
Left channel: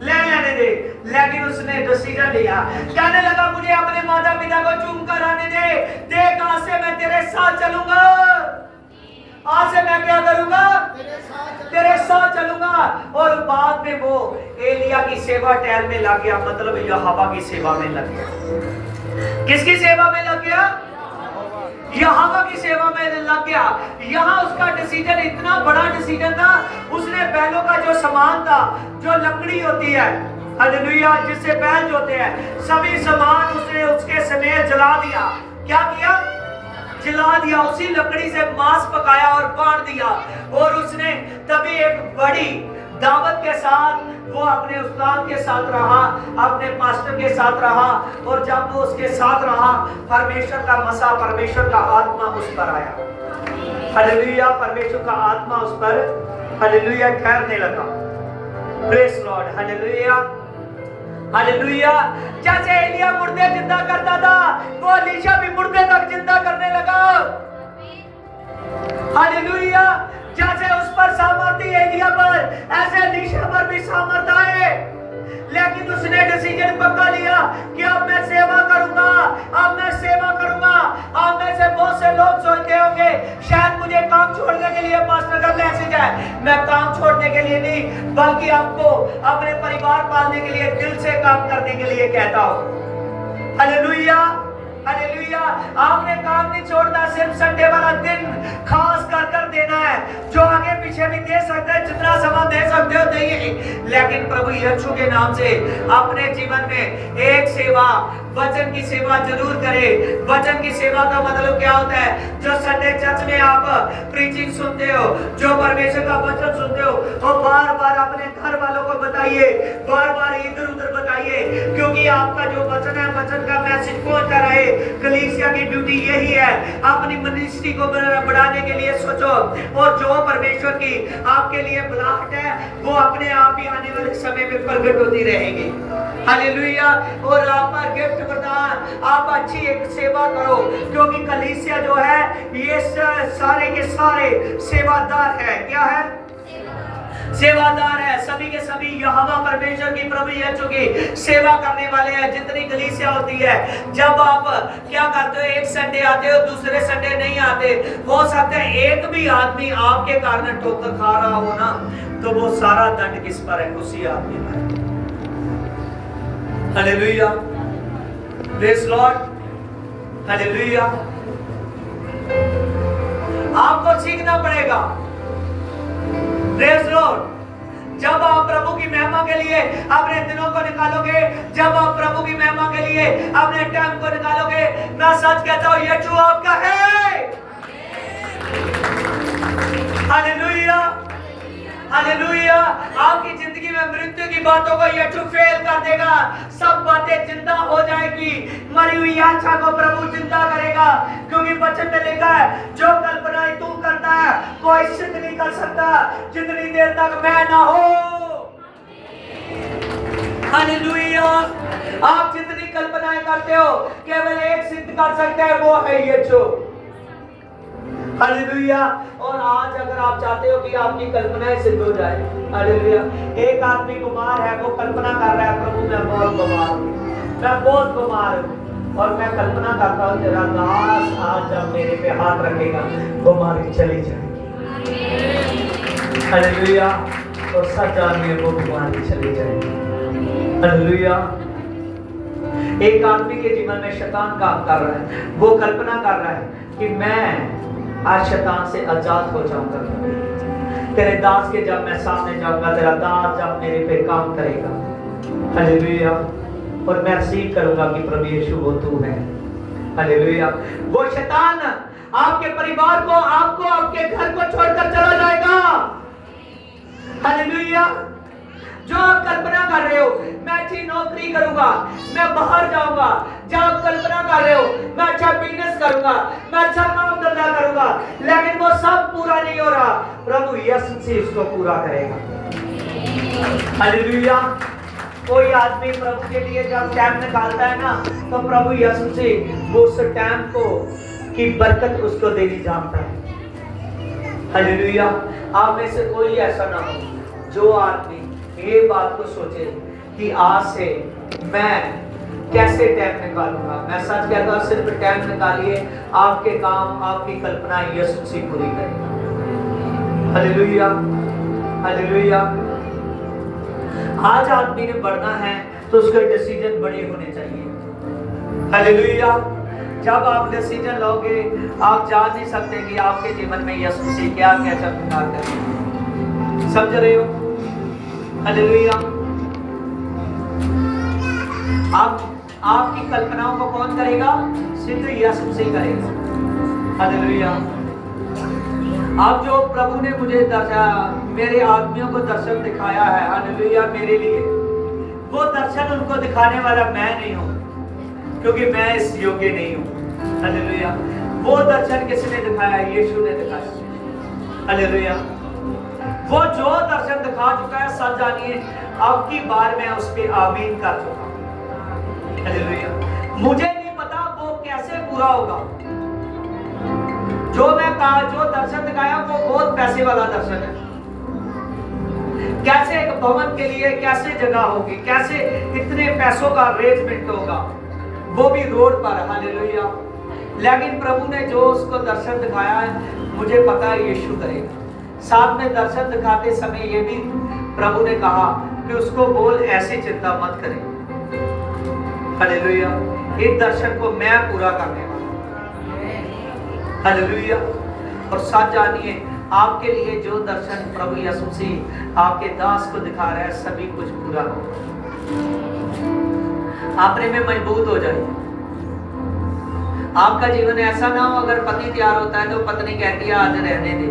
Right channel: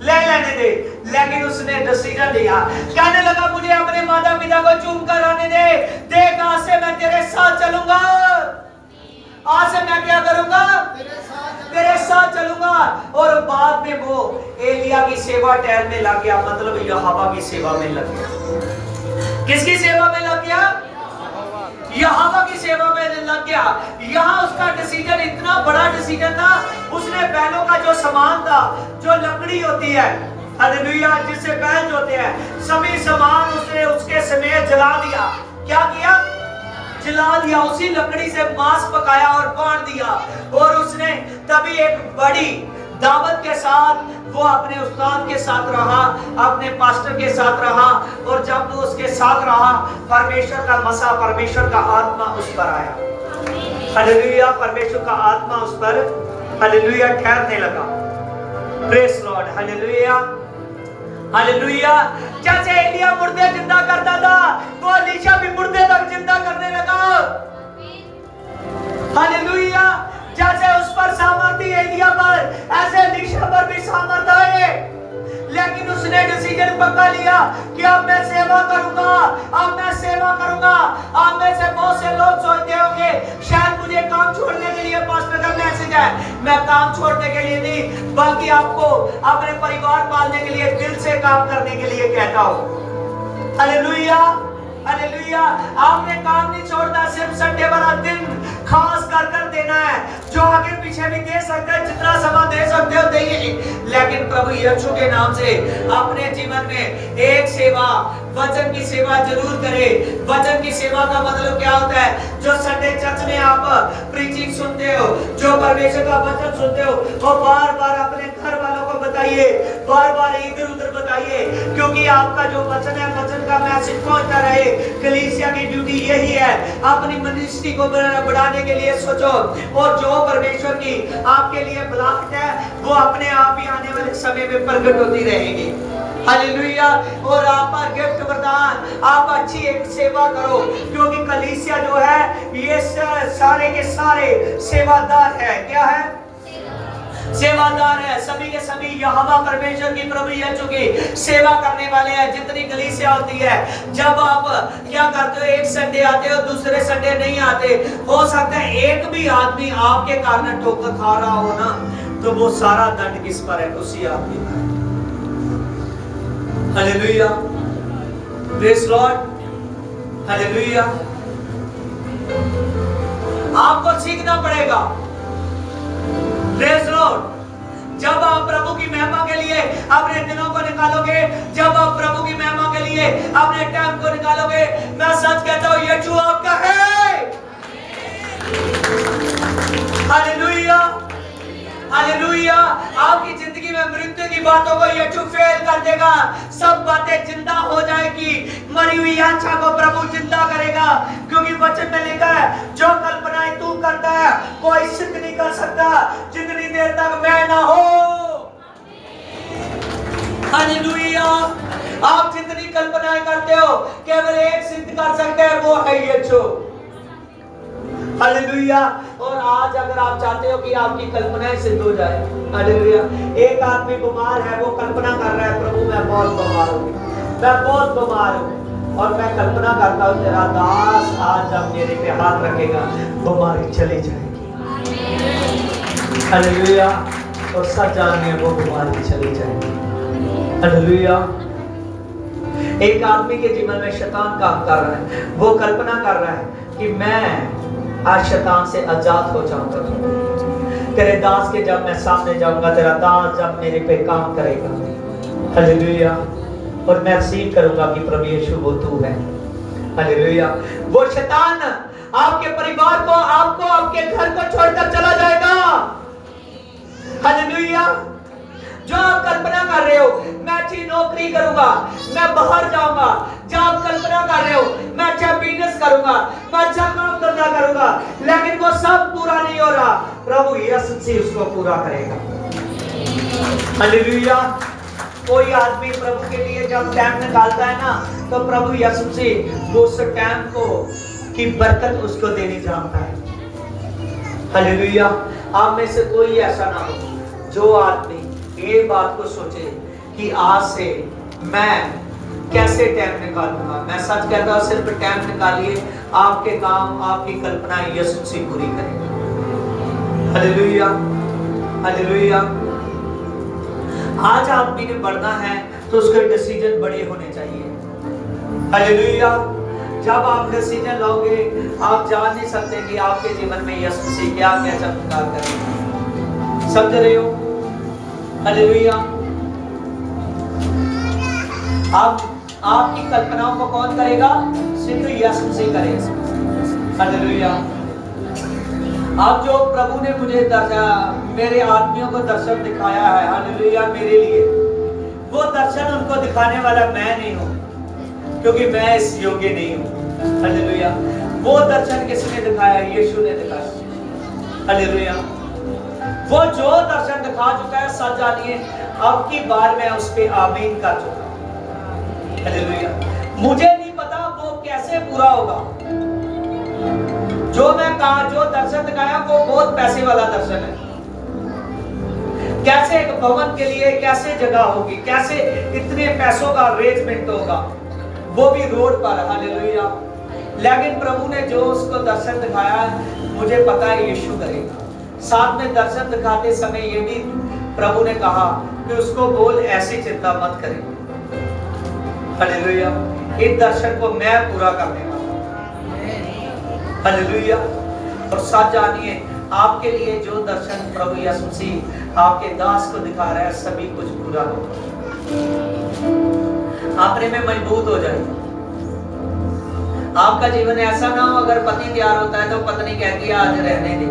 ले लेने दे। लेकिन उसने डिसीजन लिया, कहने लगा मुझे अपने माता पिता को चूम कर आने दे। देख आज से मैं तेरे साथ चलूंगा। आज से मैं क्या करूंगा, तेरे साथ चलूंगा। और बाद में वो एलिया की सेवा टहल में लग गया, मतलब यहोवा की सेवा में लग गया। किसकी सेवा में लग गया? यहोवा की सेवा में लग गया। यहाँ उसका डिसीजन इतना बड़ा डिसीजन था, उसने बैलों का जो सामान था, जो लकड़ी होती है, हालेलुया, जिससे बैल जोते हैं, सभी सामान उसने उसके समेत जला दिया। क्या किया? जला दिया। उसी लकड़ी से मांस पकाया और बांट दिया। और उसने तभी एक बड़ी दावत के साथ वो अपने उस्ताद के साथ रहा, अपने पास्टर के साथ रहा। और जब वो उसके साथ रहा, परमेश्वर का मसा, परमेश्वर का आत्मा उस पर आया। हालेलुया, परमेश्वर का आत्मा उस पर, हालेलुया, ठहरने लगा। Praise Lord, hallelujah, hallelujah. जैसे एलिया मुर्दे जिंदा करता था, वो एलीशा भी मुर्दे तक जिंदा करने लगा। हालेलुया। जैसे उस पर सामर्थ्य एलिया पर, ऐसे एलीशा पर भी सामर्थ्य है। लेकिन उसने डिसीजन पक्का लिया कि अब मैं सेवा करूंगा, अब मैं सेवा करूंगा। अब में से बहुत से लोग सोचते होंगे शायद मुझे काम छोड़ने के लिए पास्टर का मैसेज है। मैं काम छोड़ने के लिए नहीं, बल्कि आपको अपने परिवार पालने के लिए, दिल से काम करने के लिए कहता हूं। Hallelujah, hallelujah. आपने काम नहीं छोड़ना, सिर्फ संडे वाला दिन खास कर देना है। जो आगे पीछे भी दे सकते हैं, जितना समय दे सकते हो दीजिए। लेकिन प्रभु यीशु के नाम से अपने जीवन में एक सेवा, वचन की सेवा जरूर करें। वचन की सेवा का मतलब क्या होता है? जो संडे चर्च में आप प्रीचिंग सुनते हो, जो परमेश्वर का वचन सुनते हो, और बार बार अपने घर वालों को बताइए, बार बार इधर उधर बताइए, क्योंकि आपका जो वचन है, वचन का मैसेज पहुंचता रहे। कलीसिया की ड्यूटी यही है, अपनी मिनिस्ट्री को बढ़ाने के लिए सोचो। और जो परमेश्वर की आपके लिए बुलाहट है, वो अपने आप ही आने वाले समय में प्रकट होती रहेगी। हालेलुया। और आपका गिफ्ट वरदान, आप अच्छी एक सेवा करो, क्योंकि कलीसिया जो है ये सारे के सारे सेवादार है। क्या है? सेवादार है। सभी के सभी यहोवा परमेश्वर की, प्रभु यीशु की सेवा करने वाले हैं। जितनी कलीसिया होती है, जब आप क्या करते हो, एक संडे आते हो, दूसरे संडे नहीं आते, हो सकता है एक भी आदमी आपके कारण ठोकर खा रहा हो ना, तो वो सारा दंड किस पर है? उसी आदमी पर है। Hallelujah, praise Lord, hallelujah. आपको सीखना पड़ेगा। Praise Lord. जब आप प्रभु की महिमा के लिए अपने दिनों को निकालोगे, जब आप प्रभु की महिमा के लिए अपने टाइम को निकालोगे, मैं सच कहता हूं, यीशु आपका है। Hallelujah, hallelujah. आपकी जिंदगी में मृत्यु की बातों को यीशु फेल कर देगा। सब बातें जिंदा हो जाएगी। मरी हुई आत्मा को प्रभु जिंदा करेगा, क्योंकि वचन में लिखा है, जो कल्पनाएं तू करता है कोई सिद्ध नहीं कर सकता जितनी देर तक मैं ना हो। हालेलुया। आप जितनी कल्पनाएं करते हो, केवल एक सिद्ध कर सकते हैं, वो है यीशु। हालेलुया। और आज अगर आप चाहते हो कि आपकी कल्पनाएं सिद्ध हो जाए, हालेलुया। एक आदमी बीमार है, वो कल्पना कर रहा है, प्रभु मैं बहुत बीमार हूं, मैं बहुत बीमार हूं, और मैं कल्पना करता हूं तेरा दास आज जब मेरे पे हाथ रखेगा, बीमारी चली जाएगी। हालेलुया। तो सच जानिए, वो बीमारी चली जाएगी। हालेलुया। एक आदमी के जीवन में शैतान काम कर रहा है, वो कल्पना कर रहा है कि मैं आज शैतान से आजाद हो जाऊंगा। तेरे दास के जब मैं सामने जाऊंगा, तेरा दास जब मेरे पे काम करेगा, हालेलुया, और मैं रिसीव करूंगा कि प्रभु यीशु वो तू है। हालेलुया। वो शैतान आपके परिवार को, आपको, आपके घर को छोड़कर चला जाएगा। हालेलुया। जो आप कल्पना कर रहे हो, मैं अच्छी नौकरी करूंगा, मैं बाहर जाऊंगा, जो आप कल्पना कर रहे हो, मैं अच्छा बिजनेस करूंगा, मैं अच्छा काम धंधा करूंगा, लेकिन वो सब पूरा नहीं हो रहा, प्रभु यीशु से उसको पूरा करेगा। हालेलुया। कोई आदमी प्रभु के लिए जब टाइम निकालता है ना, तो प्रभु यीशु से वो उस टाइम को की बरकत उसको देनी जानता है। हालेलुया। आप में से कोई ऐसा ना हो जो आदमी ये बात को सोचे कि आज से मैं कैसे टाइम निकालूंगा। मैं सच कहता हूं, सिर्फ टाइम निकालिए, आपके काम, आपकी कल्पना यीशु से पूरी करें। Hallelujah, hallelujah. आज आदमी ने बढ़ना है तो उसके डिसीजन बड़े होने चाहिए। हालेलुया। जब आप डिसीजन लोगे, आप जान नहीं सकते कि आपके जीवन में यीशु मसीह क्या क्या चमत्कार करेगा। समझ रहे हो? हालेलुया। आपकी कल्पनाओं को कौन करेगा? सिर्फ यीशु मसीह करेगा। हालेलुया। अब जो प्रभु ने मुझे मेरे आदमियों को दर्शन दिखाया है, हालेलुया, मेरे लिए, वो दर्शन उनको दिखाने वाला मैं नहीं हूँ, क्योंकि मैं इस योग्य नहीं हूँ। हालेलुया। वो दर्शन किसने दिखाया? यीशु ने दिखाया। हालेलुया। वो जो दर्शन दिखा चुका है, सच जानिए अब की बार मैं उस पे आमीन कर चुका हूँ। हालेलुया। मुझे नहीं पता वो कैसे पूरा होगा। जो मैं कहा, जो दर्शन दिखाया वो बहुत पैसे वाला दर्शन है। कैसे एक भवन के लिए कैसे जगह होगी, कैसे इतने पैसों का अरेंजमेंट होगा, वो भी रोड पर। हालेलुया। लेकिन प्रभु ने जो उसको दर्शन दिखाया है, मुझे पता है यीशु करेगा। साथ में दर्शन दिखाते समय ये भी प्रभु ने कहा कि उसको बोल ऐसी चिंता मत करे। हालेलुया। इस दर्शन को मैं पूरा करने वाला हूं। हालेलुया। और साथ जानिए आपके लिए जो दर्शन प्रभु यीशु मसीह आपके दास को दिखा रहा है, सभी कुछ पूरा होगा। अपने में मजबूत हो जाए। आपका जीवन ऐसा ना हो, अगर पति तैयार होता है तो पत्नी कहती है आज रहने दे,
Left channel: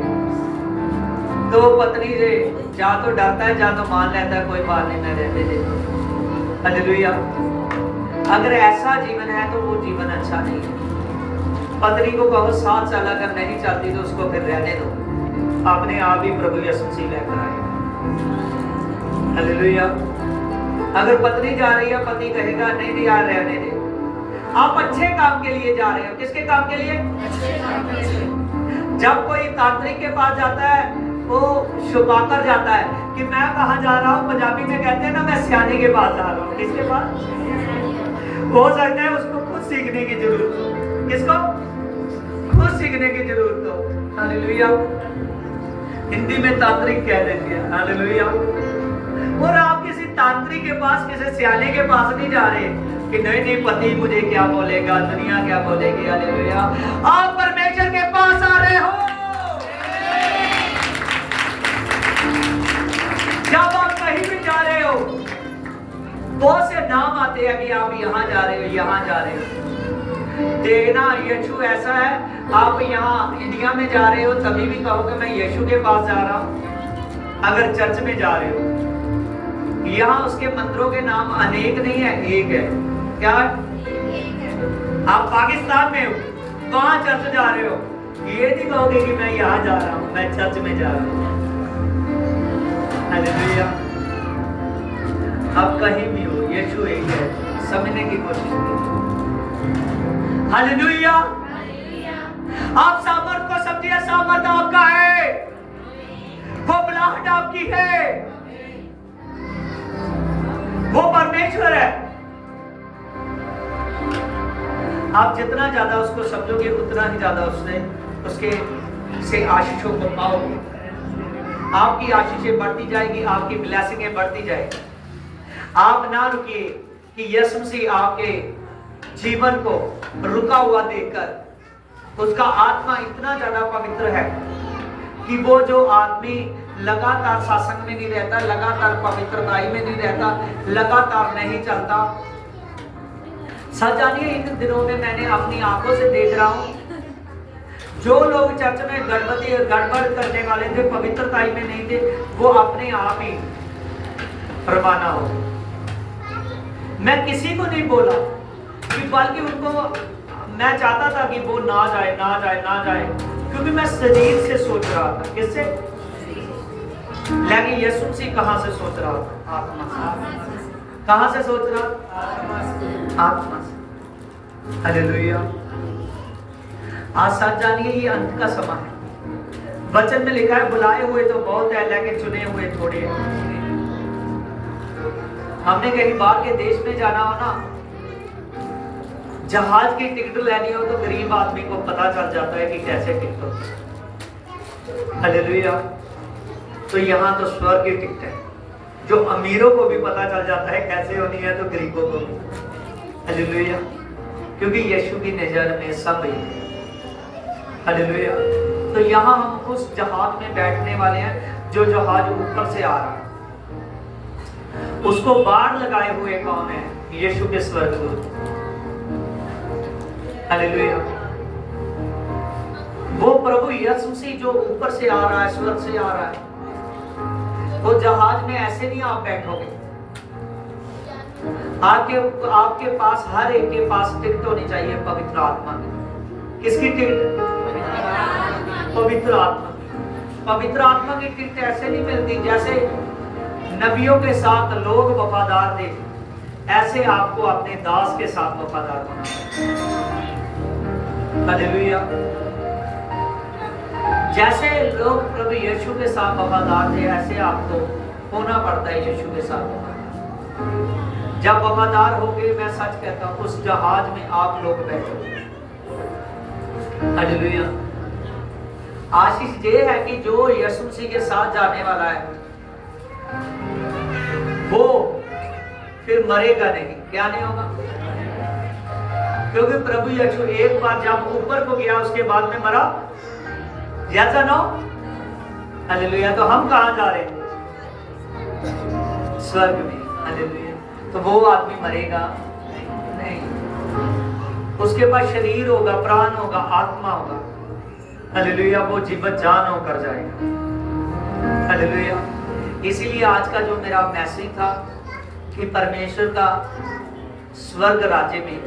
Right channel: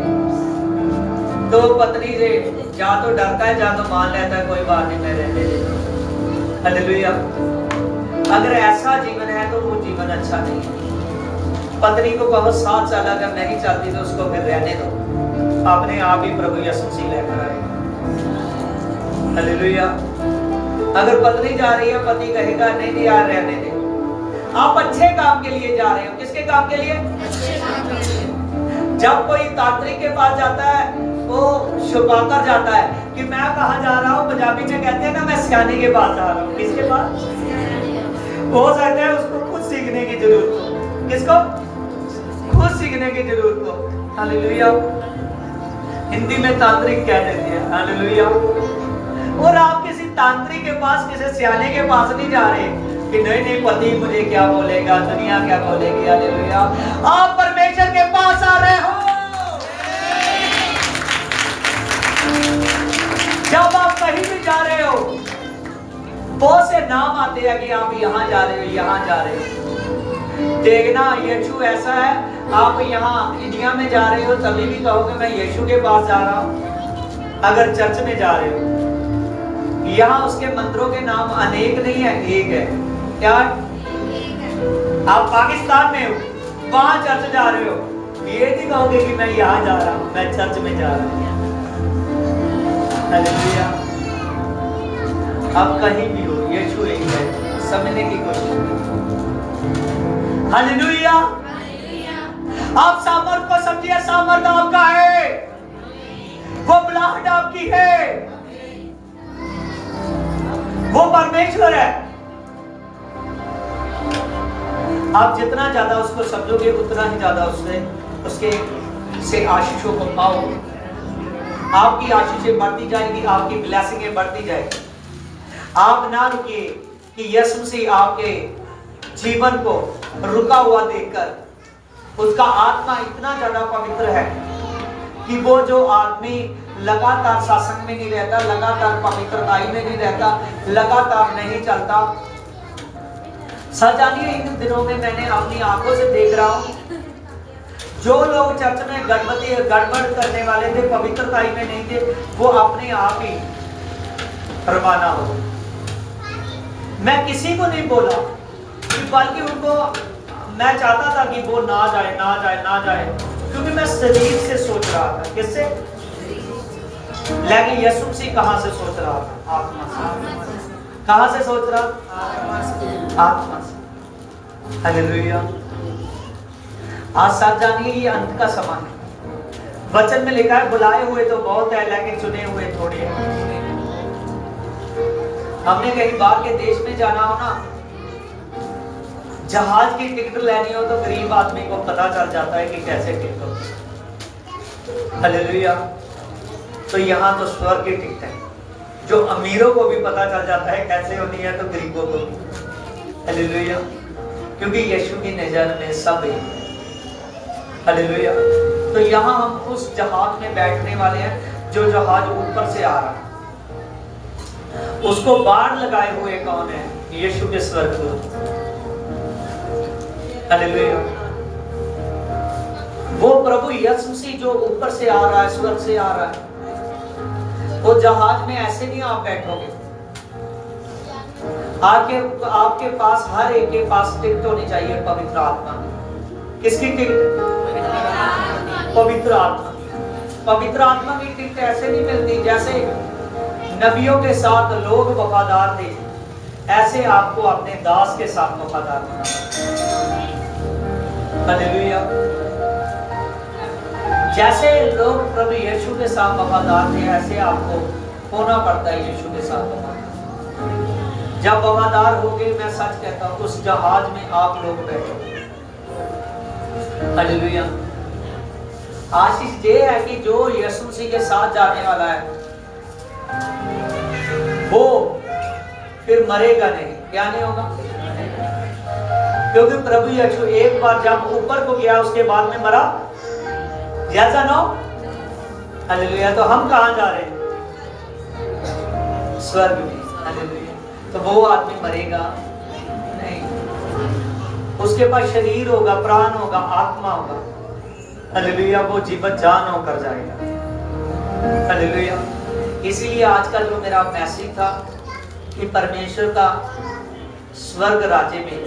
तो पत्नी से जा तो डरता है, जा तो मान लेता है कोई बात नहीं मैं रहने देता। हालेलुया। अगर ऐसा जीवन है तो वो जीवन अच्छा नहीं है। पत्नी को कहो 7 साल अगर नहीं चलती तो उसको फिर रहने दो, अपने आप ही प्रभु यीशु मसीह लेकर आएगा। हालेलुया। अगर पत्नी जा रही है, पति कहेगा नहीं नहीं यार रहने दे। आप अच्छे काम के लिए जा रहे हो। किसके काम के लिए? जब कोई तांत्रिक के पास जाता है, वो छुपाकर जाता है कि मैं कहाँ जा रहा हूँ। पंजाबी में कहते हैं ना, मैं सियाने के पास जा रहा हूँ। किसके पास? हो सकता है उसको खुद सीखने की जरूरत हो। किसको? खुद सीखने की जरूरत हो। हालेलुया। हिंदी में तांत्रिक कह देते हैं। हालेलुया। और आप किसी तांत्रिक के पास, किसी सियाने के पास नहीं जा रहे कि नहीं नहीं पति मुझे क्या बोलेगा, दुनिया क्या बोलेगी। हालेलुया। आप परमेश्वर के पास आ रहे हो। जब आप कहीं भी जा रहे हो, बहुत से नाम आते हैं कि आप यहाँ जा रहे हो, यहाँ जा रहे हो। देखना यीशु ऐसा है, आप यहाँ इंडिया में जा रहे हो तभी भी कहोगे मैं यीशु के पास जा रहा हूँ। अगर चर्च में जा रहे हो, यहाँ उसके मंदिरों के नाम अनेक नहीं है, एक है। क्या? आप पाकिस्तान में हो, वहां चर्च जा रहे हो, ये नहीं कहोगे कि मैं यहाँ जा रहा हूँ, मैं चर्च में जा रहा हूँ। हालेलुया। आप कहीं भी हो, यीशु एक है, समझने की कोशिश कीजिए। हालेलुया। आप सामर्थ को समझिए, सामर्थ आपका है, वो बुलाहट आपकी है, वो परमेश्वर है। आप जितना ज्यादा उसको समझोगे उतना ही ज्यादा उसके से आशीषों को पाओगे। आपकी आशीषें बढ़ती जाएगी, आपकी ब्लेसिंगें बढ़ती जाएगी। आप ना रुकिए कि यीशु मसीह आपके जीवन को रुका हुआ देखकर उसका आत्मा इतना ज्यादा पवित्र है कि वो जो आदमी लगातार सत्संग में नहीं रहता, लगातार पवित्रताई में नहीं रहता, लगातार नहीं चलता। सच जानिए इन दिनों में मैंने अपनी आंखों से देख रहा हूं, जो लोग चर्च में गड़बड़ करने वाले थे, पवित्रताई में नहीं थे, वो अपने आप ही रवाना हो। मैं किसी को नहीं बोला कि बल्कि उनको मैं चाहता था कि वो ना जाए ना जाए ना जाए, क्योंकि मैं शरीर से सोच रहा था। किससे? लेकिन यीशु मसीह कहां से सोच रहा था? आत्मा से। कहां से सोच रहा? आत्मा से। हालेलुया। आज सच जानिए ये अंत का समय है। वचन में लिखा है बुलाए हुए तो बहुत है लेकिन चुने हुए थोड़े हैं। हमने कहीं बाहर के देश में जाना हो ना, जहाज की टिकट लेनी हो तो गरीब आदमी को पता चल जाता है कि कैसे टिकट होती है। हालेलुया। तो यहाँ तो स्वर्ग की टिकट है, जो अमीरों को भी पता चल जाता है कैसे होनी है, तो गरीबों को भी। हालेलुया, क्योंकि यीशु की नजर में सब एक है। हालेलुया। तो यहाँ हम उस जहाज में बैठने वाले हैं, जो जहाज ऊपर से आ रहा है। उसको बाढ़ लगाए हुए कौन है? यीशु के स्वर्गदूत। हालेलुया। वो प्रभु यीशु मसीह जो ऊपर से आ रहा है, स्वर्ग से आ रहा है, वो जहाज में ऐसे नहीं आप बैठोगे। आपके पास, हर एक के पास टिकट होनी चाहिए पवित्र आत्मा की। किसकी टिकट? पवित्र आत्मा। पवित्र आत्मा की टिकट ऐसे नहीं मिलती, जैसे नबियों के साथ लोग वफादार थे, ऐसे आपको अपने दास के साथ वफादार होना है। हालेलुया। जैसे लोग प्रभु यीशु के साथ वफादार थे, ऐसे आपको होना पड़ता है यीशु के साथ वफादार। जब वफादार होगे, मैं सच कहता हूं, उस जहाज में आप लोग बैठोगे। हालेलुया। आशीष ये है कि जो यीशु मसीह के साथ जाने वाला है, वो फिर मरेगा नहीं। क्या नहीं होगा? क्योंकि प्रभु यीशु एक बार जब ऊपर को गया, उसके बाद में मरा। जैसा नो। हालेलुया। तो हम कहां जा रहे हैं? स्वर्ग में। हालेलुया। तो वो आदमी मरेगा नहीं, उसके पास शरीर होगा, प्राण होगा, आत्मा होगा। हालेलुया। वो जीवत जान होकर जाएगा। हालेलुया। इसीलिए आज का जो मेरा मैसेज था कि परमेश्वर का स्वर्ग राज्य में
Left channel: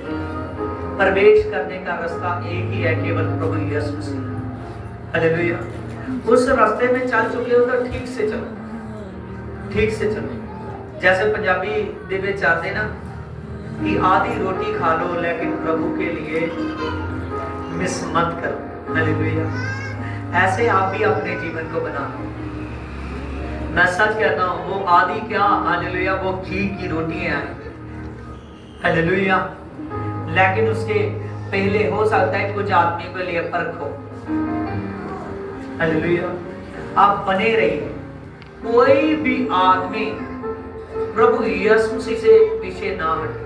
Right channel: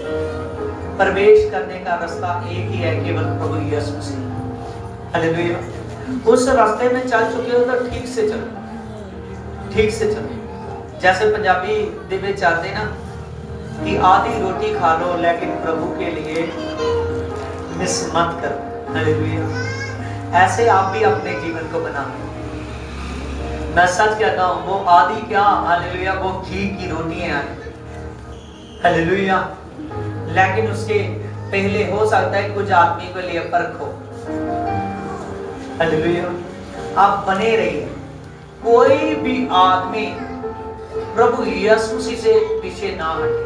प्रवेश करने का रास्ता एक ही है, केवल प्रभु यीशु मसीह। हालेलुया। उस रास्ते में चल चुके हो तो ठीक से चलो, ठीक से चलो। जैसे पंजाबी दे विच आते ना कि आधी रोटी खा लो, लेकिन प्रभु के लिए मिस मत करो। हालेलुया। ऐसे आप भी अपने जीवन को बना। मैं सच कहता हूं, वो आधी क्या, हालेलुया, वो घी की रोटी है। हालेलुया। लेकिन उसके पहले हो सकता है कुछ आदमी के लिए फर्क हो। हालेलुया। आप बने रहिए। कोई भी आदमी प्रभु यीशु मसीह से पीछे ना हटे।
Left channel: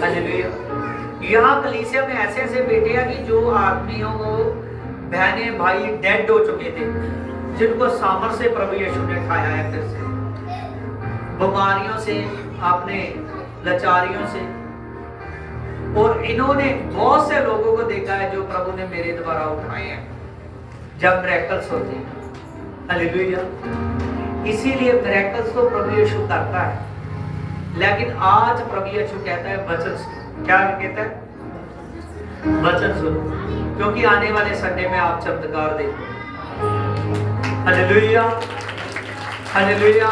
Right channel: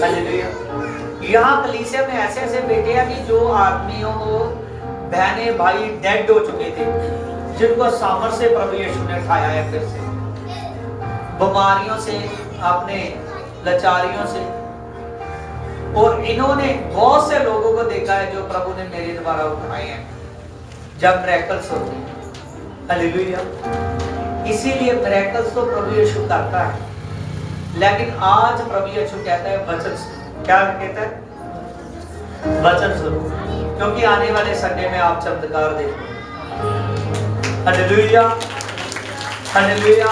हालेलुया। यहाँ कलीसिया में ऐसे ऐसे बेटे हैं कि जो आदमी हो, वो बहने भाई डेड हो चुके थे, जिनको सामर से प्रभु यीशु ने उठाया है, फिर से बीमारियों से, अपने लाचारियों से। और इन्होंने बहुत से लोगों को देखा है जो प्रभु ने मेरे द्वारा उठाए हैं, जब मिरेकल्स होते हैं। हालेलुया। इसीलिए मिरेकल्स तो प्रभु यीशु करता है, लेकिन आज प्रभु यीशु कहता है वचन सुनो। क्या कहता है? वचन सुनो, क्योंकि आने वाले संडे में आप चमत्कार देखोगे। हालेलुया। हालेलुया।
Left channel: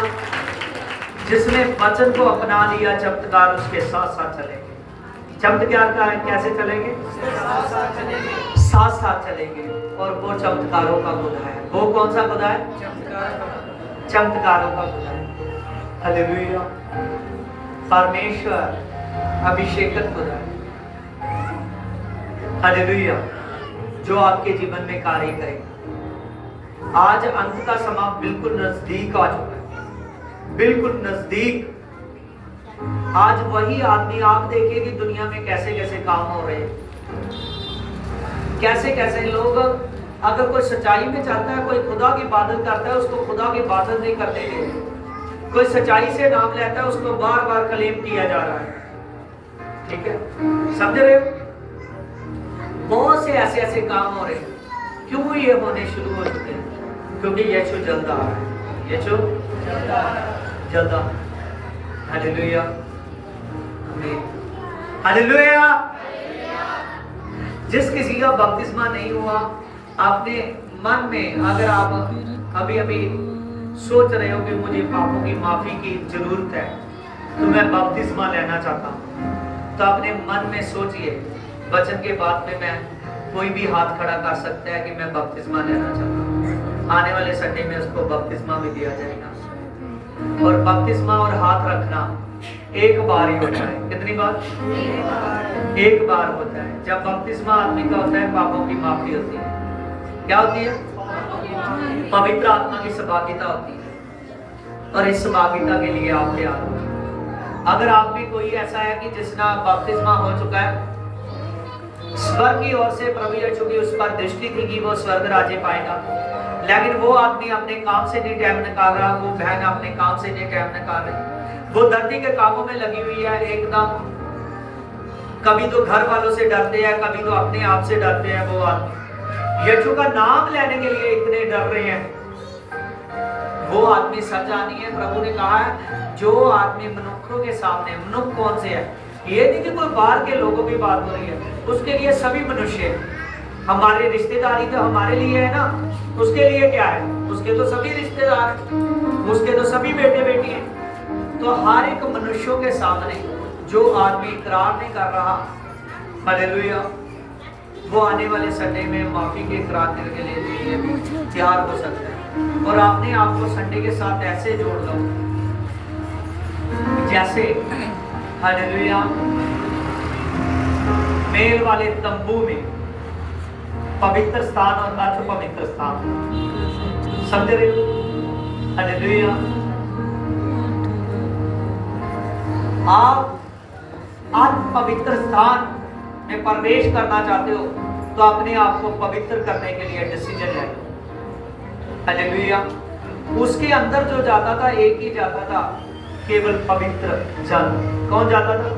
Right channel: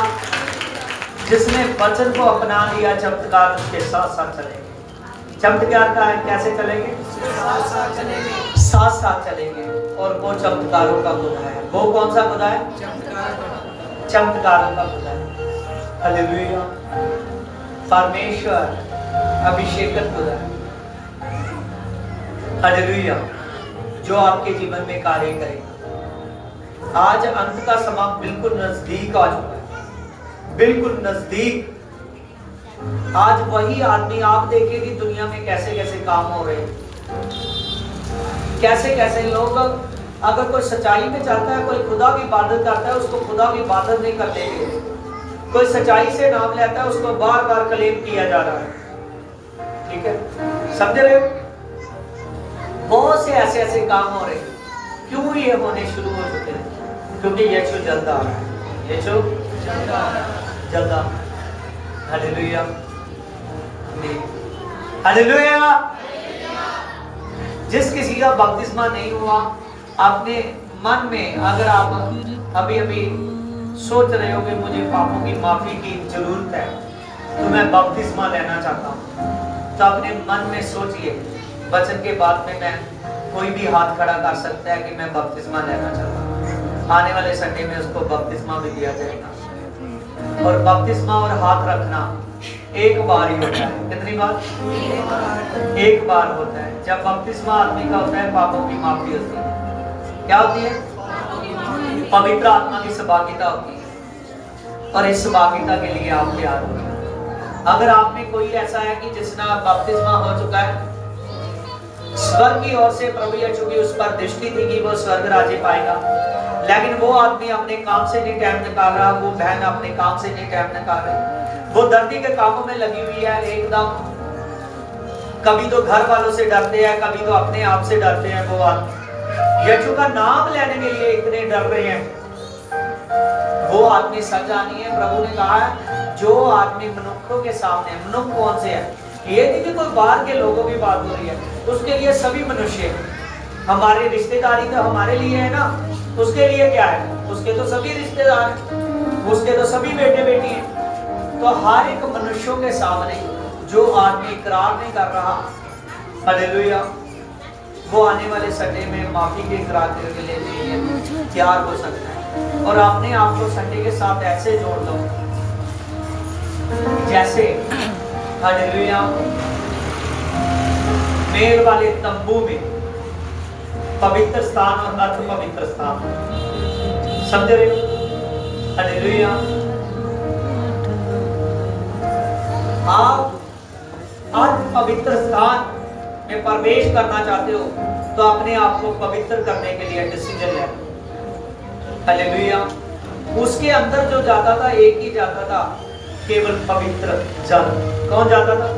जिसने वचन को अपना लिया, चमत्कार उसके साथ साथ चलेंगे। चमत्कार का है, कैसे चलेंगे? साथ साथ चलेंगे। और वो चमत्कारों का खुदा है। वो कौन सा खुदा है? चमत्कारों का खुदा है। हालेलुया। परमेश्वर अभिषेकत खुदा है। हालेलुया। जो आपके जीवन में कार्य करेगा। आज अंत का समय बिल्कुल नजदीक आ चुका है, बिल्कुल नजदीक। आज वही आदमी आप देखेंगे दुनिया में कैसे कैसे काम हो रहे हैं, कैसे कैसे लोग, अगर कोई सच्चाई में चलता है, कोई खुदा की इबादत करता है, उसको खुदा की इबादत नहीं करते। कोई सच्चाई से नाम लेता है, उसको बार बार क्लेम किया जा रहा है। ठीक है, समझ रहे हो? बहुत से ऐसे ऐसे काम हो रहे हैं। क्यों ये होने शुरू हो चुके हैं? क्योंकि यीशु जल्द आ रहा है। यीशु जल्द आ। हालेलुया। हालेलुया। जिस किसी का बपतिस्मा नहीं हुआ, अपने मन में अगर आप अभी अभी सोच रहे हो कि मुझे पापों की माफी की जरूरत है, तो मैं बपतिस्मा लेना चाहता हूँ, तो अपने मन में सोचिए। वचन के बाद में मैं कोई भी हाथ खड़ा कर सकता है कि मैं बपतिस्मा लेना चाहता हूँ। आने वाले संडे में उसको बपतिस्मा भी दिया जाएगा। और बपतिस्मा और हाथ रखना एक बार ही होता है। कितनी बार? एक बार होता है। जब बपतिस्मा आदमी का होता है, पापों की माफी होती है। क्या होती है? पवित्र आत्मा की सहभागिता होती है और इस सहभागिता के लिए आप तैयार हो। अगर आप में कोई ऐसा है कि जिसका बपतिस्मा हो चुका है, स्वर्ग की ओर से प्रभु यीशु की उस पर दृष्टि थी कि वो स्वर्ग राज्य पाएगा, लेकिन वो आदमी अपने काम से नहीं टाइम निकाल रहा, वो बहन अपने काम से नहीं टाइम निकाल रही, वो धरती के कामों में लगी हुई है एकदम, कभी तो घर वालों से डरते हैं, कभी तो अपने आप से डरते हैं। वो आदमी यीशु का नाम लेने के लिए इतने डर रहे हैं, वो आदमी सच आनी है। प्रभु ने कहा है जो आदमी मनुष्यों के सामने, मनुष्य कौन से है, ये नहीं कि कोई बाहर के लोगों की बात हो रही है, उसके लिए सभी मनुष्य, हमारी रिश्तेदारी तो हमारे लिए है ना, उसके लिए क्या है, उसके तो सभी रिश्तेदार, उसके तो सभी बेटे बेटी हैं। तो हर एक मनुष्यों के सामने जो आदमी इकरार नहीं कर रहा, हालेलुया, वो आने वाले संडे में माफी के इकरार के लिए तैयार हो सकता है। और अपने आप को संडे के साथ ऐसे जोड़ दो जैसे, हालेलुया, मेल वाले तंबू में पवित्र स्थान और अर्ध पवित्र स्थान, समझ रहे हो? हालेलुया। आप अर्ध पवित्र स्थान में प्रवेश करना चाहते हो तो अपने आप को पवित्र करने के लिए डिसीजन ले लो। हालेलुया। उसके अंदर जो जाता था एक ही जाता था, केवल पवित्र जन। कौन जाता था?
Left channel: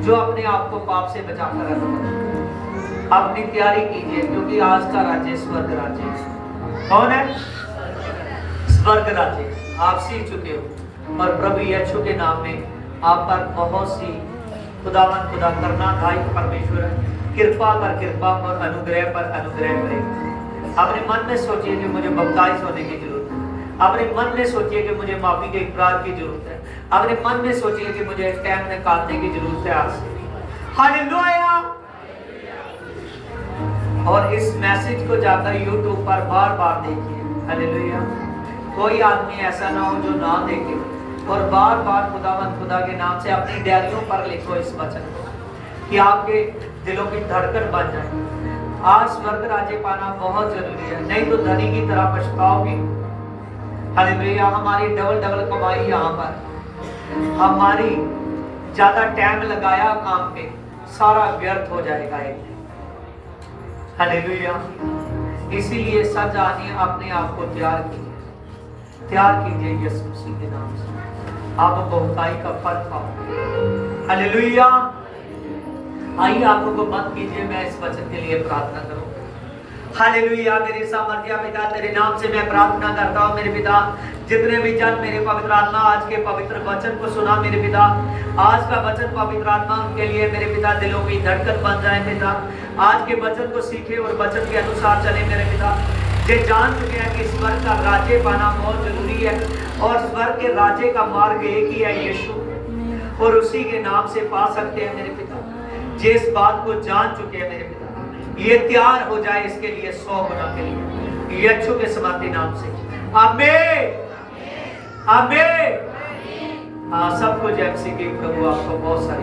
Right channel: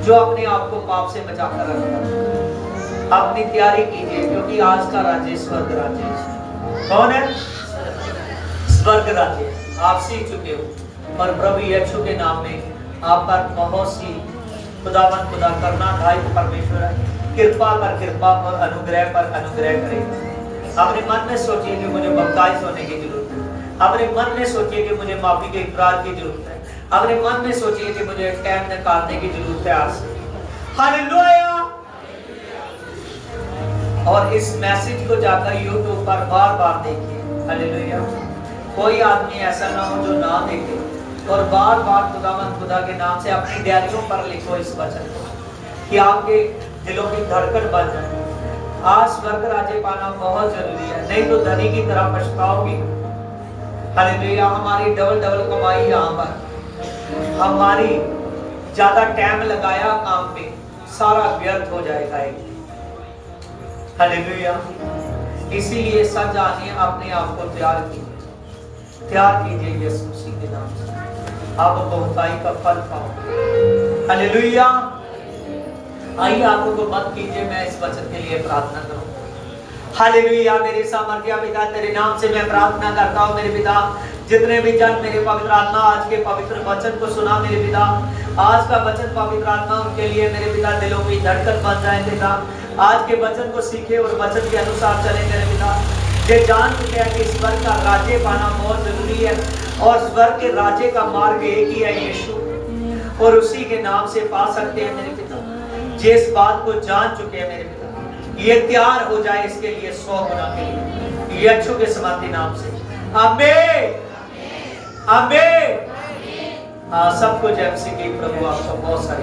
जो अपने आप को पाप से बचाकर रखता। अपनी तैयारी कीजिए क्योंकि आज का राज्य स्वर्ग राज्य है। कौन है? स्वर्ग राज्य। आप सीख चुके हो और प्रभु यीशु के नाम में आप पर बहुत सी खुदावन खुदा करना भाई परमेश्वर कृपा और अनुग्रह पर अनुग्रह करे। अपने मन में सोचिए कि मुझे बपतिस्म होने की जरूरत है। अपने मन में सोचिए कि मुझे माफी के इकरार की जरूरत है। अपने मन में सोचिए कि मुझे टाइम निकालने की जरूरत है आज। हालेलुया। और इस मैसेज को जाकर YouTube पर बार-बार देखिए। हालेलुया। कोई आदमी ऐसा ना हो जो ना देखे और बार-बार खुदा के नाम से अपनी डायरियों पर लिखो इस वचन को कि आपके दिलों की धड़कन बन जाए। आज स्वर्ग राज्य पाना बहुत जरूरी है, नहीं तो धनी की तरह पछताओगे। हालेलुया। हमारी डबल कमाई यहाँ पर, हमारी ज्यादा टाइम लगाया काम पे, सारा व्यर्थ हो जाएगा एक। हालेलुया। इसीलिए सच आनिए, अपने आप को तैयार कीजिए यीशु मसीह के नाम से, आप बहुताई का फल पाओगे। हालेलुया। आइए आप लोग मत कीजिए, मैं इस वचन के लिए प्रार्थना करूं। हालेलुया। मेरे सामर्थ्य पिता, तेरे नाम से मैं प्रार्थना करता हूं मेरे पिता, जितने भी जन मेरे पवित्र आत्मा आज के पवित्र वचन को सुना मेरे पिता, आज का वचन पवित्र आत्मा उनके लिए मेरे पिता दिलों की धड़कन बन जाए पिता। आज के वचन को सीखे और वचन के अनुसार चले मेरे पिता। ये जान चुके हैं कि स्वर्ग का राज्य पाना बहुत जरूरी है और स्वर्ग के राज्य का मार्ग एक ही है यीशु, और उसी के नाम से पा सकते हैं मेरे पिता। जिस बात को जान चुके हैं मेरे पिता, ये तैयार हो जाए इसके लिए 100 गुना के लिए यीशु के समर्थी नाम से। आमीन आमीन। सबको जय मसीह की। प्रभु आपको बहुत सारी